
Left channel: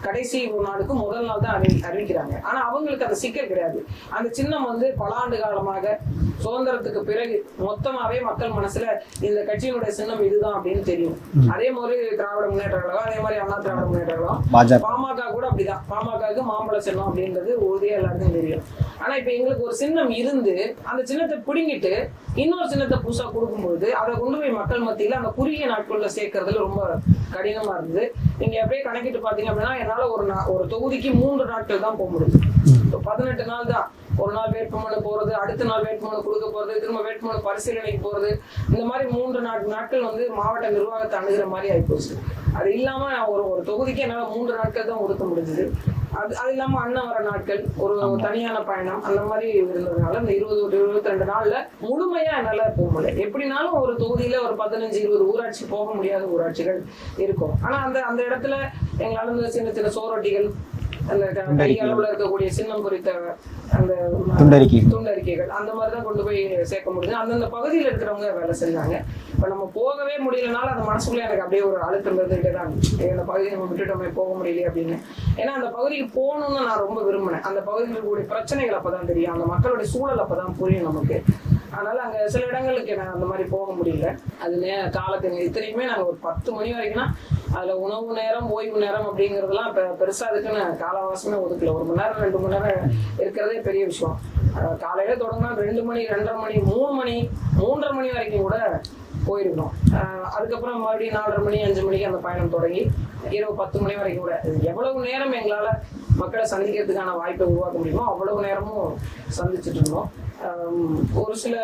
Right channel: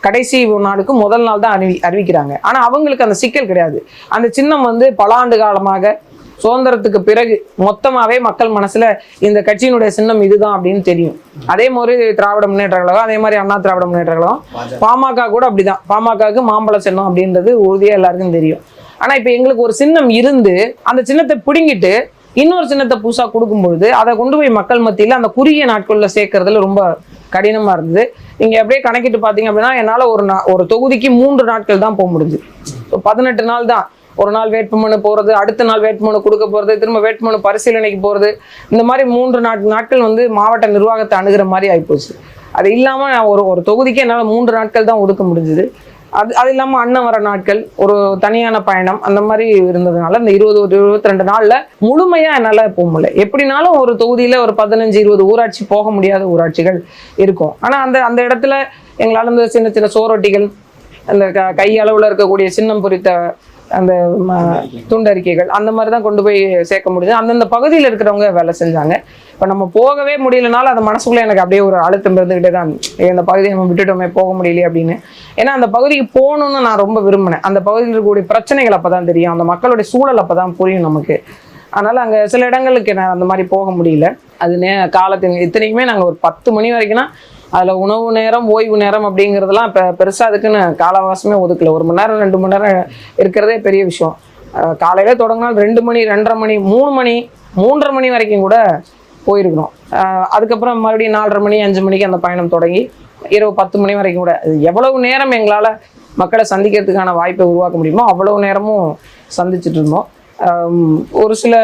கடைசி நாளுக்கு முதல் நாள் தான் அறிவி அறிவிக்கிறாங்க. ஆனா அவங்களுக்கு அந்த சிக்கல் கிடையாது. அந்த சின்னம் வந்து பல ஆண்டு காலமாக சுதந்திரத்துக்கு பிறகு மொத்தமாவே மக்கள் மனசுல இந்த கட்சியினுடைய சின்னம் இதுதான் அப்படின்னு தெரியும். அதே மாதிரி திராவிட முன்னேற்ற கழகம் அதே மாதிரி அண்ணா திராவிட முன்னேற்ற கழகம் பாமக கூட அப்படிதான். பாமகவுக்கு மாம்பழ சின்னம் அப்படின்றது உறுதியா எல்லாருக்கும் தெரியும். ஆனா இப்ப எங்களுக்கு ஒரு சின்னம் இருந்து அந்த சின்னத்தை பிடுங்கிட்டு இன்னொரு சின்னத்தை புதுசா கொடுக்கும்பொழுது அதை கொண்டு போய் மக்கள் மத்தியில அந்த குறுகிய நாட்கள்ல சேர்க்கறதுல ரொம்ப கடினமா இருந்தது. நீங்க அப்படியே கணக்கிட்டு பாத்தீங்க அப்படின்னா என்னால ஒரு ஒரு தொகுதிக்கு மூன்று நாட்கள் தான் போக முடியுது பதினெட்டு நாள் தான். ஒரு நாள் வேட்புமனு போறது அடுத்த நாள் வேட்புமனு கொடுக்க போறது திரும்ப வேட்புமனு பரிசீலனைக்கு போறது. இந்த மாதிரி மூன்று நாட் நாட்கள் வந்து மாவட்ட நிர்வாகத்தை அணுகிற மாதிரி ஆயிப்போச்சு. அது இல்லாம நான் ஒரு ஒரு தொகுதிக்கு என்னால் மூன்று நாட்கள் தான் ஒதுக்க முடிஞ்சுது. அது அது இல்லாமல் அண்ணன் வர நாட்கள் ஒரு தனியான பயணம் அந்த மாதிரி இருந்ததுனால இந்த இருபது ஒரு இருபத்தி ரெண்டு நாளில் முழுமையாக என்னால் போக முடியல. எப்படினாலும் ஒரு தொகுதியில் ஒரு பதினஞ்சு இருபது ஊராட்சி போக முடியாத ஊராட்சிகள் இருக்கும். ஆனால் அந்த அந்த இடத்துல எங்களால் இந்த சின்ன சின்ன சோரொட்டிகள் அந்த க- கையளவில் இருக்கக்கூடிய சின்னம் பொறித்த அந்த. துண்டறிக்கைகள். அந்த மாதிரி தான் கொண்டு போய் சேர்க்க முடியுது. அந்தந்த பகுதியில் இருக்கிறவங்க வேலை செஞ்சாங்க. இப்போ நம்ம போகவே முடியலனாலும் அந்த மனசுக்குள்ள எனக்கு அப்படியே ஒரு அழுத்தம் இருந்துகிட்டே தான் இந்த பகுதியை நம்ம விட்டுட்டோமே போக முடியலையே அப்படின்னு. ஏன்னா அந்த பகுதிக்கு போகணும்னு நான் ரொம்ப விரும்பினேன். அந்த பகுதியில் இருக்கக்கூடிய பிரச்சனைகள் அப்போ தான் தெரியும். அந்த மக்களுடைய சூழல் அப்போ தான் புரியும் நமக்கு. அதனால் அங்கே சில இடங்களுக்கு நான் அந்த மாதிரி போக முடியல. அது நே காலத்தின் இத்தனைக்குமே நாங்கள் ஒரு பத்து மணி வரைக்கும்னா அதில் உணவு நேரம் ஓய்வு நேரம் அப்படிங்கிறதுலாம் இப்போ பெருசாக அதுக்குன்னு காலவாசமே ஒதுக்கல. ஒரு மணி நேரம் ரெண்டு மணி நேரம் இருக்கிறதே பெரிய விஷயம். அஹ் காலையில தொடங்கினால் ரெண்டு மணி ரெண்டரை மணி மூணு மணி மூன்றரை மணி வரைக்கும் கூட போயிருக்கிறோம் அதுக்கப்புறம் மறுபடியும் நாலரை மணி அஞ்சு மணிக்கு அந்த பயணம் தொடங்கி இரவு பத்து மணி வரைக்கும் கூட. அது எவ்வளவு நேரம் எங்களால் மக்களை சந்திக்கிறதுக்கான வாய்ப்பை உருவாக்க முடியுமோ அவ்வளவு நேரமும் சந்திச்சுட்டு இருந்தோம். ஒரு சில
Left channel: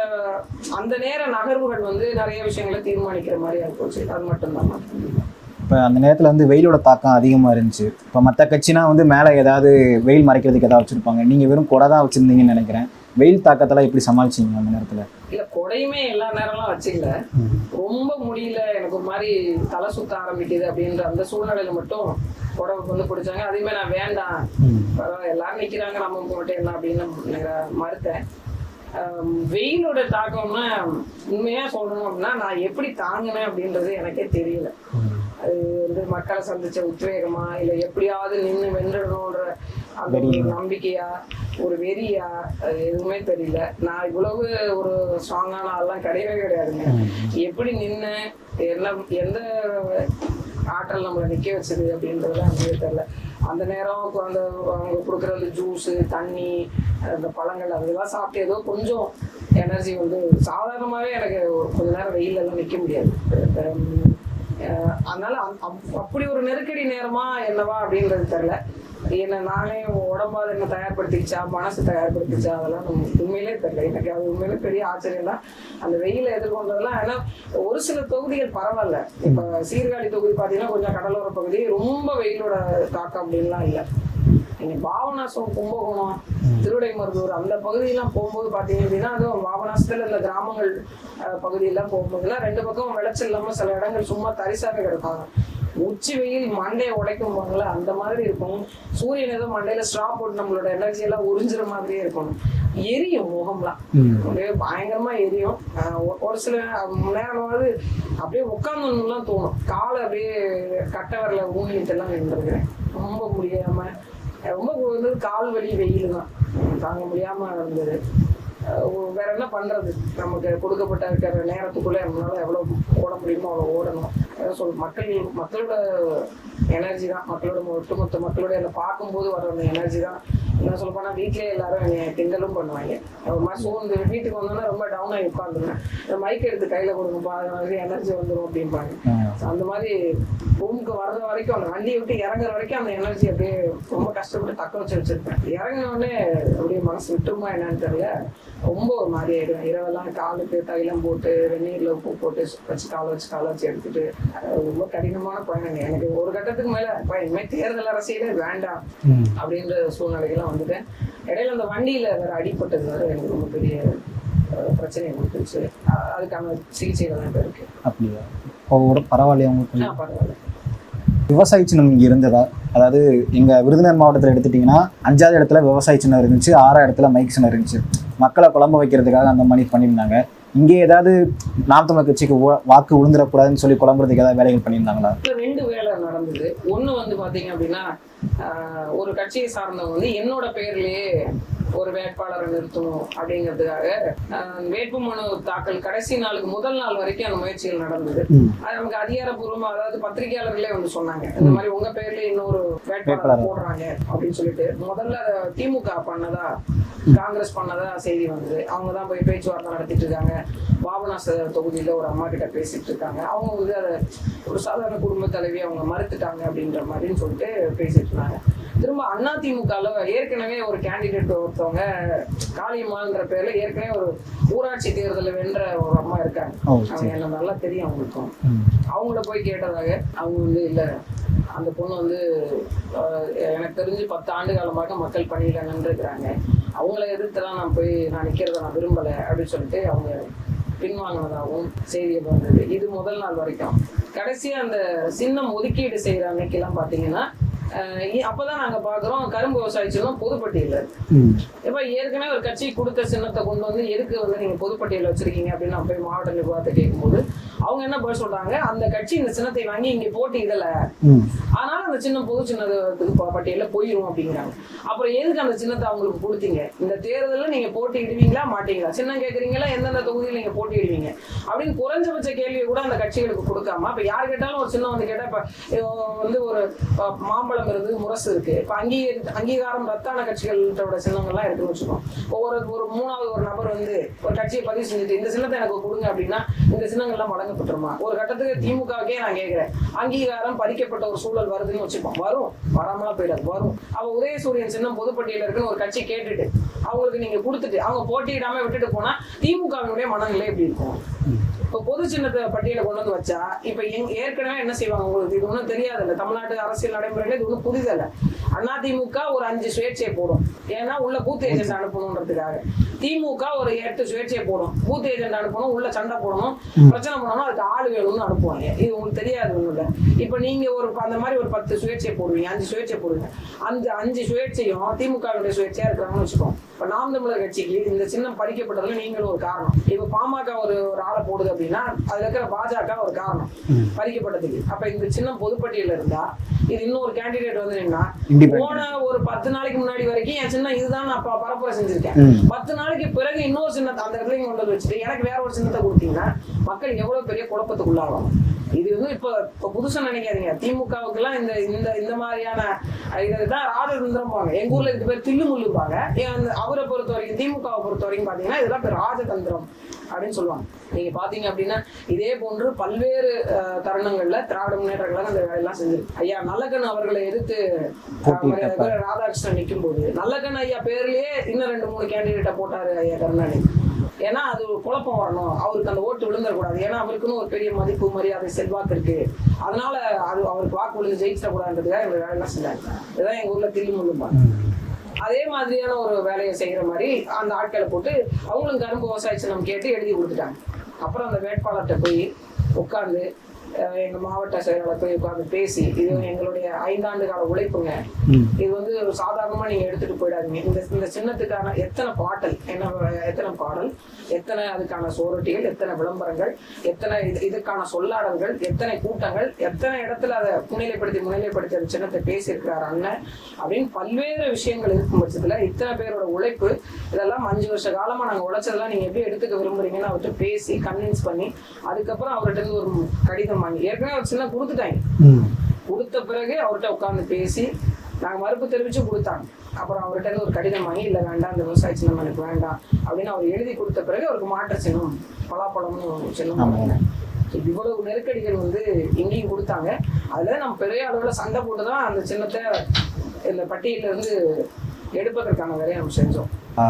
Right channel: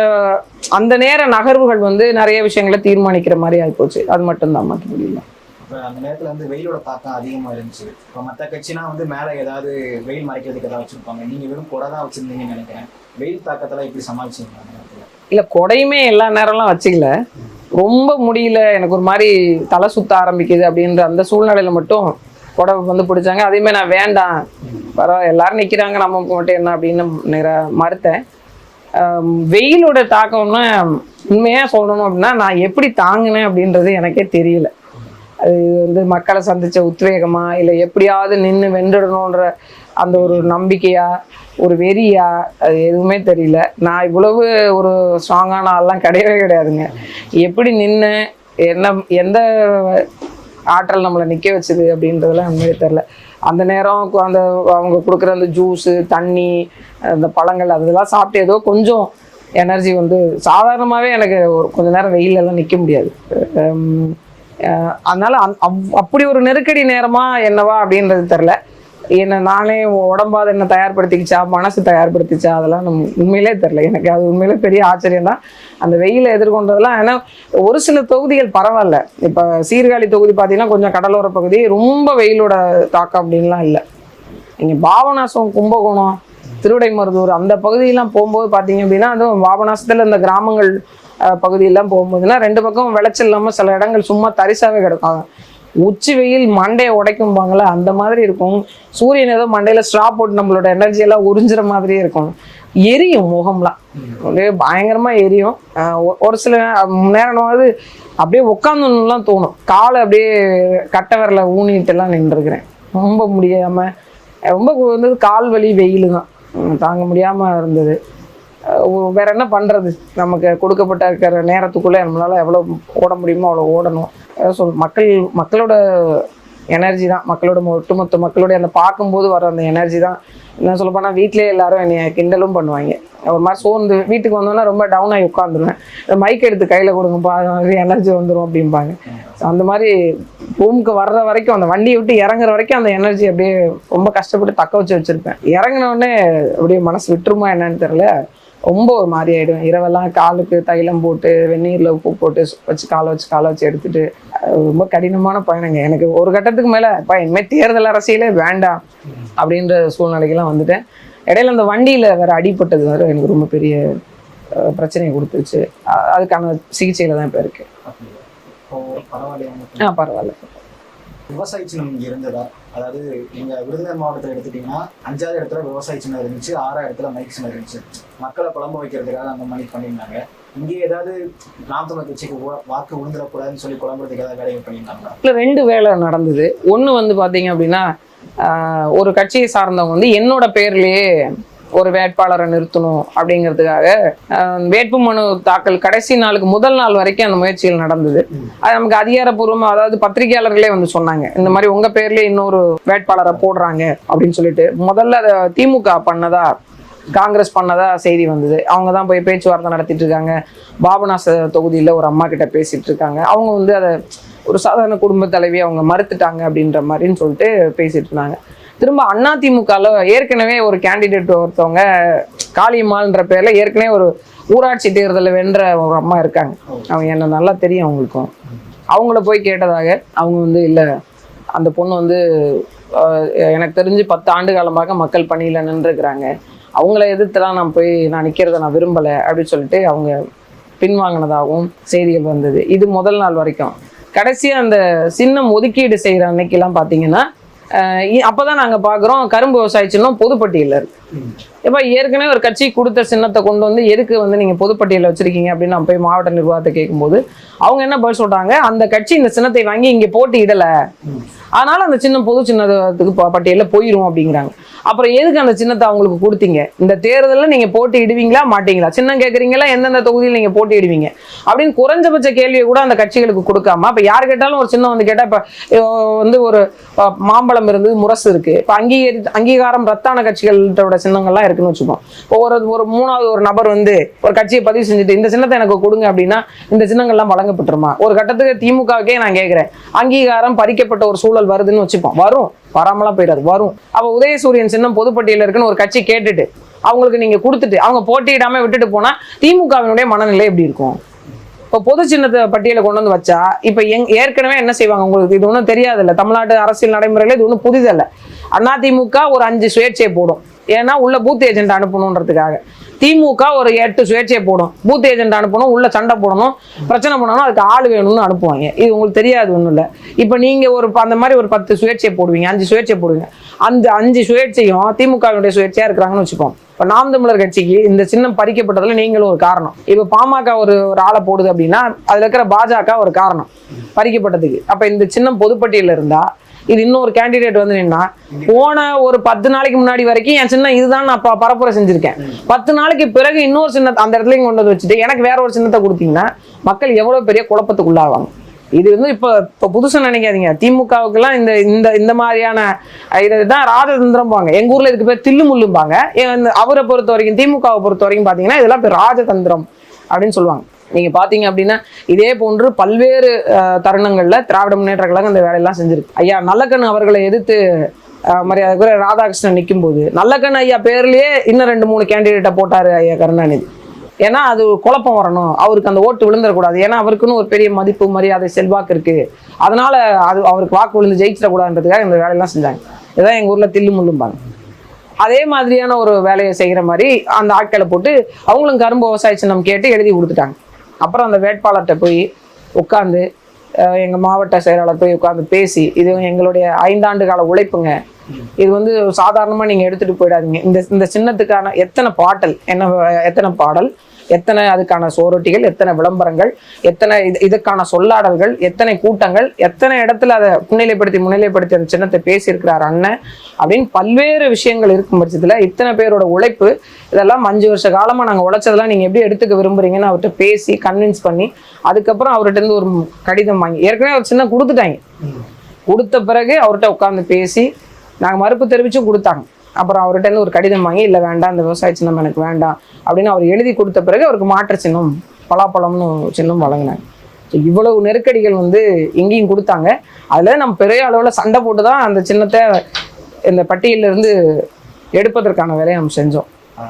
அந்த நேர நகர்வுகள் வந்து நிறைய விஷயங்களை தீர்மானிக்கிற மாதிரி ஆகிப்போச்சு அது மட்டும்தான் மற்றபடி இல்லை இப்போ அந்த நேரத்தில் வந்து வெயிலோட தாக்கம் அதிகமாக இருந்துச்சு. இப்போ மற்ற கட்சினா வந்து மேலே ஏதாவது வெயில் மறைக்கிறதுக்கு ஏதாவது வச்சுருப்பாங்க. நீங்கள் வெறும் கொடை தான் வச்சுருந்தீங்கன்னு நினைக்கிறேன். வெயில் தாக்கத்தெல்லாம் எப்படி சமாளிச்சீங்க அந்த நேரத்தில்? இல்ல கொடையுமே எல்லா நேரம்லாம் வச்சுக்கல. ரொம்ப முடியல. எனக்கு ஒரு மாதிரி தலை சுத்த ஆரம்பிக்குது அப்படின்ற அந்த சூழ்நிலையில மட்டும் கொடை வந்து பிடிச்சாங்க. அதேமே நான் வேண்டாம். பரவாயில்ல எல்லாரும் நிக்கிறாங்க. நம்ம மட்டும் என்ன அப்படின்னு நிற மறுத்தேன். வெயிலோட தாக்கம்னா உண்மையா சொல்லணும் அப்படின்னா நான் எப்படி தாங்கினேன் அப்படின்றது எனக்கே தெரியல. அது வந்து மக்களை சந்திச்ச உத்வேகமா இல்லை எப்படியாவது நின்று வென்றுடணுன்ற அந்த ஒரு நம்பிக்கையா ஒரு வெறியா அது எதுவுமே தெரியல. நான் இவ்வளவு ஒரு ஸ்ட்ராங்கான ஆள்லாம் கிடையவே கிடையாதுங்க. எப்படி நின்று என்ன எந்த ஆற்றல் நம்மளை நிற்க வச்சுது அப்படின்றதெல்லாம் உண்மையே தெரில அந்த நேரம் அந்த அவங்க கொடுக்குற அந்த ஜூஸு தண்ணி அந்த பழங்கள் அதெல்லாம் சாப்பிட்டு ஏதோ கொஞ்சம் எனர்ஜி வந்து சாதாரணமாகவே எனக்கு ஒரு கொஞ்ச நேரம் வெயில்ல எல்லாம் நிற்க முடியாது. ஹம், அதனால அந்- அப்- அப்படி ஒரு நெருக்கடி நேரமா என்னவா அப்படின்றது தெரில என்னை நானே உடம்பாத என்ன தயார்படுத்திக்கிச்சா மனசு தயார்படுத்திச்சா அதெல்லாம் நம்ம உண்மையிலே தெரில எனக்கு அது உண்மையிலே பெரிய ஆச்சரியம் தான் அந்த வெயிலை எதிர்கொண்டதெல்லாம் ஏன்னா ஒரு சில தொகுதிகள் பரவாயில்ல. இப்போ சீர்காழி தொகுதி பார்த்தீங்கன்னா கொஞ்சம் கடலோர பகுதி ரொம்ப வெயிலோட தாக்கம் அப்படின்லாம் இல்லை. இங்கே பாபநாசம் கும்பகோணம் திருவிடைமருதூர் அந்த பகுதியெல்லாம் போகும்போது பார்த்தீங்க அப்படின்னா அதுவும் பாபநாசத்தில் இந்த கிராமங்கள் பகுதியெல்லாம் போகும்போதுன்னா ரெண்டு பக்கம் விளைச்சல் இல்லாமல் சில இடங்கள் சும்மா தரிசாகவே கிடக்கும். உச்சி வெயில் மண்டையை உடைக்கும்பாங்களே அந்த மாதிரி இருக்கும். சூரியன் ஏதோ மண்டையில் ஸ்ட்ரா போட்டு நம்மளோட எனர்ஜி எல்லாம் உறிஞ்சுற மாதிரியே இருக்கும். எரியும் முகம்லாம். அப்படியே பயங்கரமா எரியும். ஒரு சில நேரமாவது அப்படியே உட்காந்துலாம் தோணும். காலை அப்படியே கட்டை விரல ஊனிட்டு எல்லாம் நின்றுருக்கிறேன். ரொம்ப முடியாம ரொம்ப வந்து கால் வலி வெயில் தான். தாங்க முடியாம இருந்தது. வேற என்ன பண்றது? நமக்கு கொடுக்கப்பட்ட இருக்கிற நேரத்துக்குள்ள நம்மளால எவ்வளவு ஓட முடியுமோ அவ்வளோ ஓடணும். சொல் மக்கள் மக்களோட எனர்ஜி தான். மக்களோட ஒட்டுமொத்த மக்களுடைய அந்த பார்க்கும்போது வர அந்த எனர்ஜி தான். என்ன சொல்ல போனால் வீட்டிலே எல்லாரும் என்னை கிண்டலும் பண்ணுவாங்க. ஒரு மாதிரி சோர்ந்து வீட்டுக்கு வந்தோன்னா ரொம்ப டவுன் ஆகி உட்காந்துருவேன் மைக் எடுத்து கையில் கொடுங்கப்பா எனர்ஜி வந்துடும் அப்படிம்பாங்க. அந்த மாதிரி ரூமுக்கு வர்ற வரைக்கும் அந்த வண்டியை விட்டு இறங்குற வரைக்கும் அந்த எனர்ஜி அப்படியே ரொம்ப கஷ்டப்பட்டு தக்க வச்சு வச்சுருப்பேன். இறங்கின உடனே அப்படியே மனசு விட்டுருமா என்னன்னு தெரில ரொம்ப ஒரு மாதிரி ஆயிடும் இரவெல்லாம் காலுக்கு தைலம் போட்டு வெந்நீர்ல உப்பு போட்டு வச்சு காலை வச்சு காலை வச்சு எடுத்துட்டு ரொம்ப கடினமான பயணங்க. எனக்கு ஒரு கட்டத்துக்கு மேல அப்பா இனிமேல் தேர்தல் அரசியலே வேண்டாம் அப்படின்ற சூழ்நிலைக்கெல்லாம் வந்துட்டேன். இடையில அந்த வண்டியில வேற அடிபட்டது வேற எனக்கு ரொம்ப பெரிய பிரச்சனையை கொடுத்துச்சு. அதுக்கான சிகிச்சையில தான் இப்போ இருக்கு அப்படியா? இப்போ பரவாயில்லையா ஆ பரவாயில்ல. விவசாய சின்னம் இருந்ததா? அதாவது எங்கள் விருதுநகர் மாவட்டத்தில் எடுத்துட்டிங்கன்னா அஞ்சாவது இடத்துல விவசாய சின்னம் இருந்துச்சு ஆறாவது இடத்துல மைக் சின்னம் இருந்துச்சு. மக்களை குழம்ப வைக்கிறதுக்காக அந்த மாதிரி பண்ணியிருந்தாங்க. இங்கே ஏதாவது நாம் தமிழர் கட்சிக்கு வாக்கு விழுந்துடக்கூடாதுன்னு சொல்லி குழம்புறதுக்கு ஏதாவது வேலைகள் பண்ணியிருந்தாங்களா? இல்லை ரெண்டு வேலை நடந்தது. ஒன்று வந்து பார்த்தீங்க அப்படின்னா ஒரு கட்சியை சார்ந்தவங்க வந்து என்னோட பேர்லேயே ஒரு வேட்பாளரை நிறுத்தணும் அப்படிங்கிறதுக்காக ஆஹ், வேட்புமனு தாக்கல் கடைசி நாளுக்கு முதல் நாள் வரைக்கும் அந்த முயற்சிகள் நடந்தது. அது நமக்கு அதிகாரப்பூர்வமா அதாவது பத்திரிகையாளர்களே வந்து சொன்னாங்க இந்த மாதிரி உங்க பேர்லயே இன்னொரு வேட்பாளரை. போடுறாங்க அப்படின்னு சொல்லிட்டு முதல்ல அதை திமுக பண்ணதா காங்கிரஸ் பண்ணதா செய்தி வந்தது. அவங்க தான் போய் பேச்சுவார்த்தை நடத்திட்டு இருக்காங்க. பாபநாச தொகுதியில ஒரு அம்மா கிட்ட பேசிட்டு இருக்காங்க. அவங்க வந்து அதை ஒரு சாதாரண குடும்ப தலைவி அவங்க மறுத்துட்டாங்க அப்படின்ற மாதிரின்னு சொல்லிட்டு பேசிட்டு இருந்தாங்க. திரும்ப அண்ணா திமுகல ஏற்கனவே ஒரு கேண்டிடேட் ஒருத்தவங்க காளியம்மாள்ன்ற பேர்ல ஏற்கனவே ஒரு ஊராட்சி தேர்தலில் வென்ற ஒரு அம்மா இருக்காங்க. அவங்க என்ன நல்லா தெரியும் அவங்களுக்கும். அவங்கள போய் கேட்டதாக அவங்க வந்து இல்லை அந்த பொண்ணு வந்து எனக்கு தெரிஞ்சு பத்து ஆண்டு காலமாக மக்கள் பணியில் நின்றுருக்கிறாங்க. அவங்கள எதிர்த்துலாம் நான் போய் நான் நிற்கிறத நான் விரும்பலை அப்படின்னு சொல்லிட்டு அவங்க பின்வாங்கினதாகவும் செய்திகள் வந்தது. இது முதல் நாள் வரைக்கும். கடைசியாக அந்த சின்னம் ஒதுக்கீடு செய்கிற அன்னைக்கெல்லாம் பார்த்தீங்கன்னா ஆஹ், இ- அப்பதான் நாங்க பார்க்குறோம் கரும்பு விவசாய சின்னம் இருக்கு. இப்போ ஏற்கனவே ஒரு கட்சி கொடுத்த சின்னத்தை கொண்டு வந்து எதுக்கு வந்து நீங்கள் பொதுப்பட்டியலில் வச்சிருக்கீங்க அப்படின்னு நான் போய் மாவட்ட நிர்வாகத்தை கேட்கும்போது அவங்க என்ன பதில் சொல்றாங்க? அந்த கட்சி இந்த சின்னத்தை வாங்கி இங்கே போட்டியிடலை. அதனால் அதனால அந்த சின்னம் பொது சின்னத்துக்கு பட்டியலில் போயிடும் அப்படிங்கிறாங்க. அப்புறம் எதுக்கு அந்த சின்னத்தை அவங்களுக்கு கொடுத்தீங்க? இந்த தேர்தலில் நீங்கள் போட்டியிடுவீங்களா மாட்டீங்களா? சின்னம் கேட்குறீங்களா எந்தெந்த தொகுதியில் நீங்கள் போட்டியிடுவீங்க? அப்படின்னு குறைஞ்சபட்ச கேள்வியை கூட அந்த கட்சிகளுக்கு கொடுக்காம இப்போ யார் கேட்டாலும் ஒரு சின்னம் வந்து கேட்டால் இப்போ வந்து ஒரு மாம்பழம் இருந்து முரசு இருக்குது இப்போ அங்கீகரி அங்கீகாரம் ரத்தான கட்சிகளோட சின்னங்கள்லாம் இருக்குன்னு வச்சுக்கோம் ஒவ்வொரு ஒரு ஒரு மூணாவது ஒரு நபர் வந்து ஒரு கட்சியை பதிவு செஞ்சுட்டு இந்த சின்னத்தை எனக்கு கொடுங்க அப்படின்னா இந்த சின்னங்கள்லாம் வழங்கப்பட்டுருமா? ஒரு கட்டத்துக்கு திமுகவுக்கே நான் கேட்குறேன் அங்கீகாரம் பறிக்கப்பட்ட ஒரு சூழல் வருதுன்னு வச்சுப்போம். வரும். வராமலாம் போயிடாது. வரும். அப்போ உதயசூரியன் சின்னம் பொதுப்பட்டியல இருக்குன்னு ஒரு கட்சி கேட்டுட்டு அவங்களுக்கு நீங்க கொடுத்துட்டு அவங்க போட்டியிடாம விட்டுட்டு போனா திமுகவினுடைய மனநிலை எப்படி இருக்கும்? இப்போ பொது சின்னத்தை பட்டியலை கொண்டு வந்து வச்சா இப்போ எங் ஏற்கனவே என்ன செய்வாங்க உங்களுக்கு? இது ஒன்றும் தெரியாதுல்ல. தமிழ்நாட்டு அரசியல் நடைமுறையில் இது ஒன்றும் புதிதல்ல. அதிமுக ஒரு அஞ்சு சுயேட்சையை போடும். ஏன்னா உள்ள பூத் ஏஜென்ட் அனுப்பணுன்றதுக்காக. திமுக ஒரு எட்டு சுயேட்சையை போடும். பூத் ஏஜென்ட் அனுப்பணும் உள்ள சண்டை போடணும் பிரச்சனை பண்ணணும் அதுக்கு ஆள் வேணும்னு அனுப்புவாங்க. இது உங்களுக்கு தெரியாது ஒன்றும் இல்லை. இப்போ நீங்க ஒரு அந்த மாதிரி ஒரு பத்து சுயேட்சையை போடுவீங்க அஞ்சு சுயேட்சை போடுவீங்க. அந்த அஞ்சு சுயேட்சையும் திமுகவினுடைய சுயேட்சையா இருக்கிறாங்கன்னு வச்சுப்போம் இப்போ நாம் தமிழர் கட்சிக்கு இந்த சின்னம் பறிக்கப்பட்டதுல நீங்களும் ஒரு காரணம். இப்போ பாமக ஒரு ஒரு ஆளை போடுது அப்படின்னா அதுல இருக்கிற பாஜக ஒரு காரணம் பறிக்கப்பட்டதுக்கு. அப்ப இந்த சின்னம் பொதுப்பட்டியலில் இருந்தா இது இன்னொரு கேண்டிடேட் வந்து நின்னா போன ஒரு பத்து நாளைக்கு முன்னாடி வரைக்கும் என் சின்னம் இதுதான் நான் பரப்புரை செஞ்சிருக்கேன். பத்து நாளைக்கு பிறகு இன்னொரு சின்னத்தை அந்த இடத்துலயும் கொண்டு வந்து வச்சுட்டு எனக்கு வேற ஒரு சின்னத்தை கொடுத்தீங்கன்னா மக்கள் எவ்வளவு பெரிய குழப்பத்துக்குள்ளாவாங்க. இது வந்து இப்போ இப்போ புதுசாக நினைக்காதீங்க. திமுகவுக்குலாம் இந்த இந்த இந்த மாதிரியான அஹ், இதுதான் ராஜதந்திரம்பாங்க எங்கள் ஊரில் இதுக்கு பேர் தில்லு முள்ளும்பாங்க அவரை பொறுத்த வரைக்கும் திமுகவை பொறுத்த வரைக்கும் பார்த்தீங்கன்னா இதெல்லாம் இப்போ ராஜதந்திரம் அப்படின்னு சொல்லுவாங்க. நீங்கள் பார்த்தீங்க அப்படின்னா இதே போன்று பல்வேறு தருணங்களில் திராவிட முன்னேற்ற கழகம் இந்த வேலையெல்லாம் செஞ்சிருக்கு. ஐயா நல்லக்கண் அவர்களை எதிர்த்து மரியாதை ராதாகிருஷ்ணன் ராதாகிருஷ்ணன் நிக்கும்போது நல்லக்கண் ஐயா பேர்லேயே இன்னும் ரெண்டு மூணு கேண்டிடேட்டை போட்டார் ஐயா கருணாநிதி. ஏன்னா அது குழப்பம் வரணும். அவருக்கு அந்த ஓட்டு விழுந்துடக்கூடாது ஏன்னா அவருக்குன்னு ஒரு பெரிய மதிப்பு மரியாதை செல்வாக்கு இருக்கு. அதனால அது அவருக்கு வாக்கு விழுந்து ஜெயிச்சிடக்கூடாதுன்றதுக்காக இந்த வேலையெல்லாம் செஞ்சாங்க. இதுதான் எங்கள் ஊரில் தில்லு முள்ளும்பாங்க அதே மாதிரியான ஒரு வேலையை செய்கிற மாதிரி அந்த ஆட்களை போட்டு அவங்களும் கரும்பு விவசாய சின்னம் கேட்டு எழுதி கொடுத்துட்டாங்க. அப்புறம் அந்த வேட்பாளர்கிட்ட போய் உட்காந்து எங்கள் மாவட்ட செயலாளர் போய் உட்காந்து பேசி இது எங்களுடைய ஐந்தாண்டு கால உழைப்புங்க. இது வந்து சாதாரணமாக நீங்கள் எடுத்துகிட்டு போயிடாதீங்க இந்த இந்த சின்னத்துக்கான எத்தனை பாட்டல் என்ன எத்தனை பாடல் எத்தனை அதுக்கான சோரொட்டிகள் எத்தனை விளம்பரங்கள் எத்தனை இது இதுக்கான சொல்லாடல்கள் எத்தனை கூட்டங்கள் எத்தனை இடத்துல அதை முன்னிலைப்படுத்தி முன்னிலைப்படுத்தி அந்த சின்னத்தை பேசியிருக்கிறார் அண்ணன் அப்படின்னு பல்வேறு விஷயங்கள் இருக்கும் பட்சத்தில் இத்தனை பேரோட உழைப்பு இதெல்லாம் அஞ்சு வருஷ காலமாக நாங்கள் உழைச்சதெல்லாம் நீங்கள் எப்படி எடுத்துக்க விரும்புறீங்கன்னு அவர்கிட்ட பேசி கன்வின்ஸ் பண்ணி அதுக்கப்புறம் அவர்கிட்ட இருந்து ஒரு கடிதம் வாங்கி ஏற்கனவே ஒரு சின்ன கொடுத்துட்டாங்க. கொடுத்த பிறகு அவர்கிட்ட உட்காந்து பேசி நாங்கள் மறுப்பு தெரிவித்து கொடுத்தாங்க. அப்புறம் அவர்கிட்ட ஒரு கடிதம் வாங்கி இல்லை வேண்டாம் இந்த விவசாய சின்னம் எனக்கு வேண்டாம் அப்படின்னு அவர் எழுதி கொடுத்த பிறகு அவருக்கு மாற்று சின்னம் பலாப்பழம்னு சின்னம் வழங்கினாங்க. இவ்வளவு நெருக்கடிகள் வந்து எங்கேயும் கொடுத்தாங்க. அதில் நம்ம பெரிய அளவில் சண்டை போட்டு தான் அந்த சின்னத்தை இந்த பட்டியலிருந்து எடுப்பதற்கான வேலையை நம்ம செஞ்சோம்.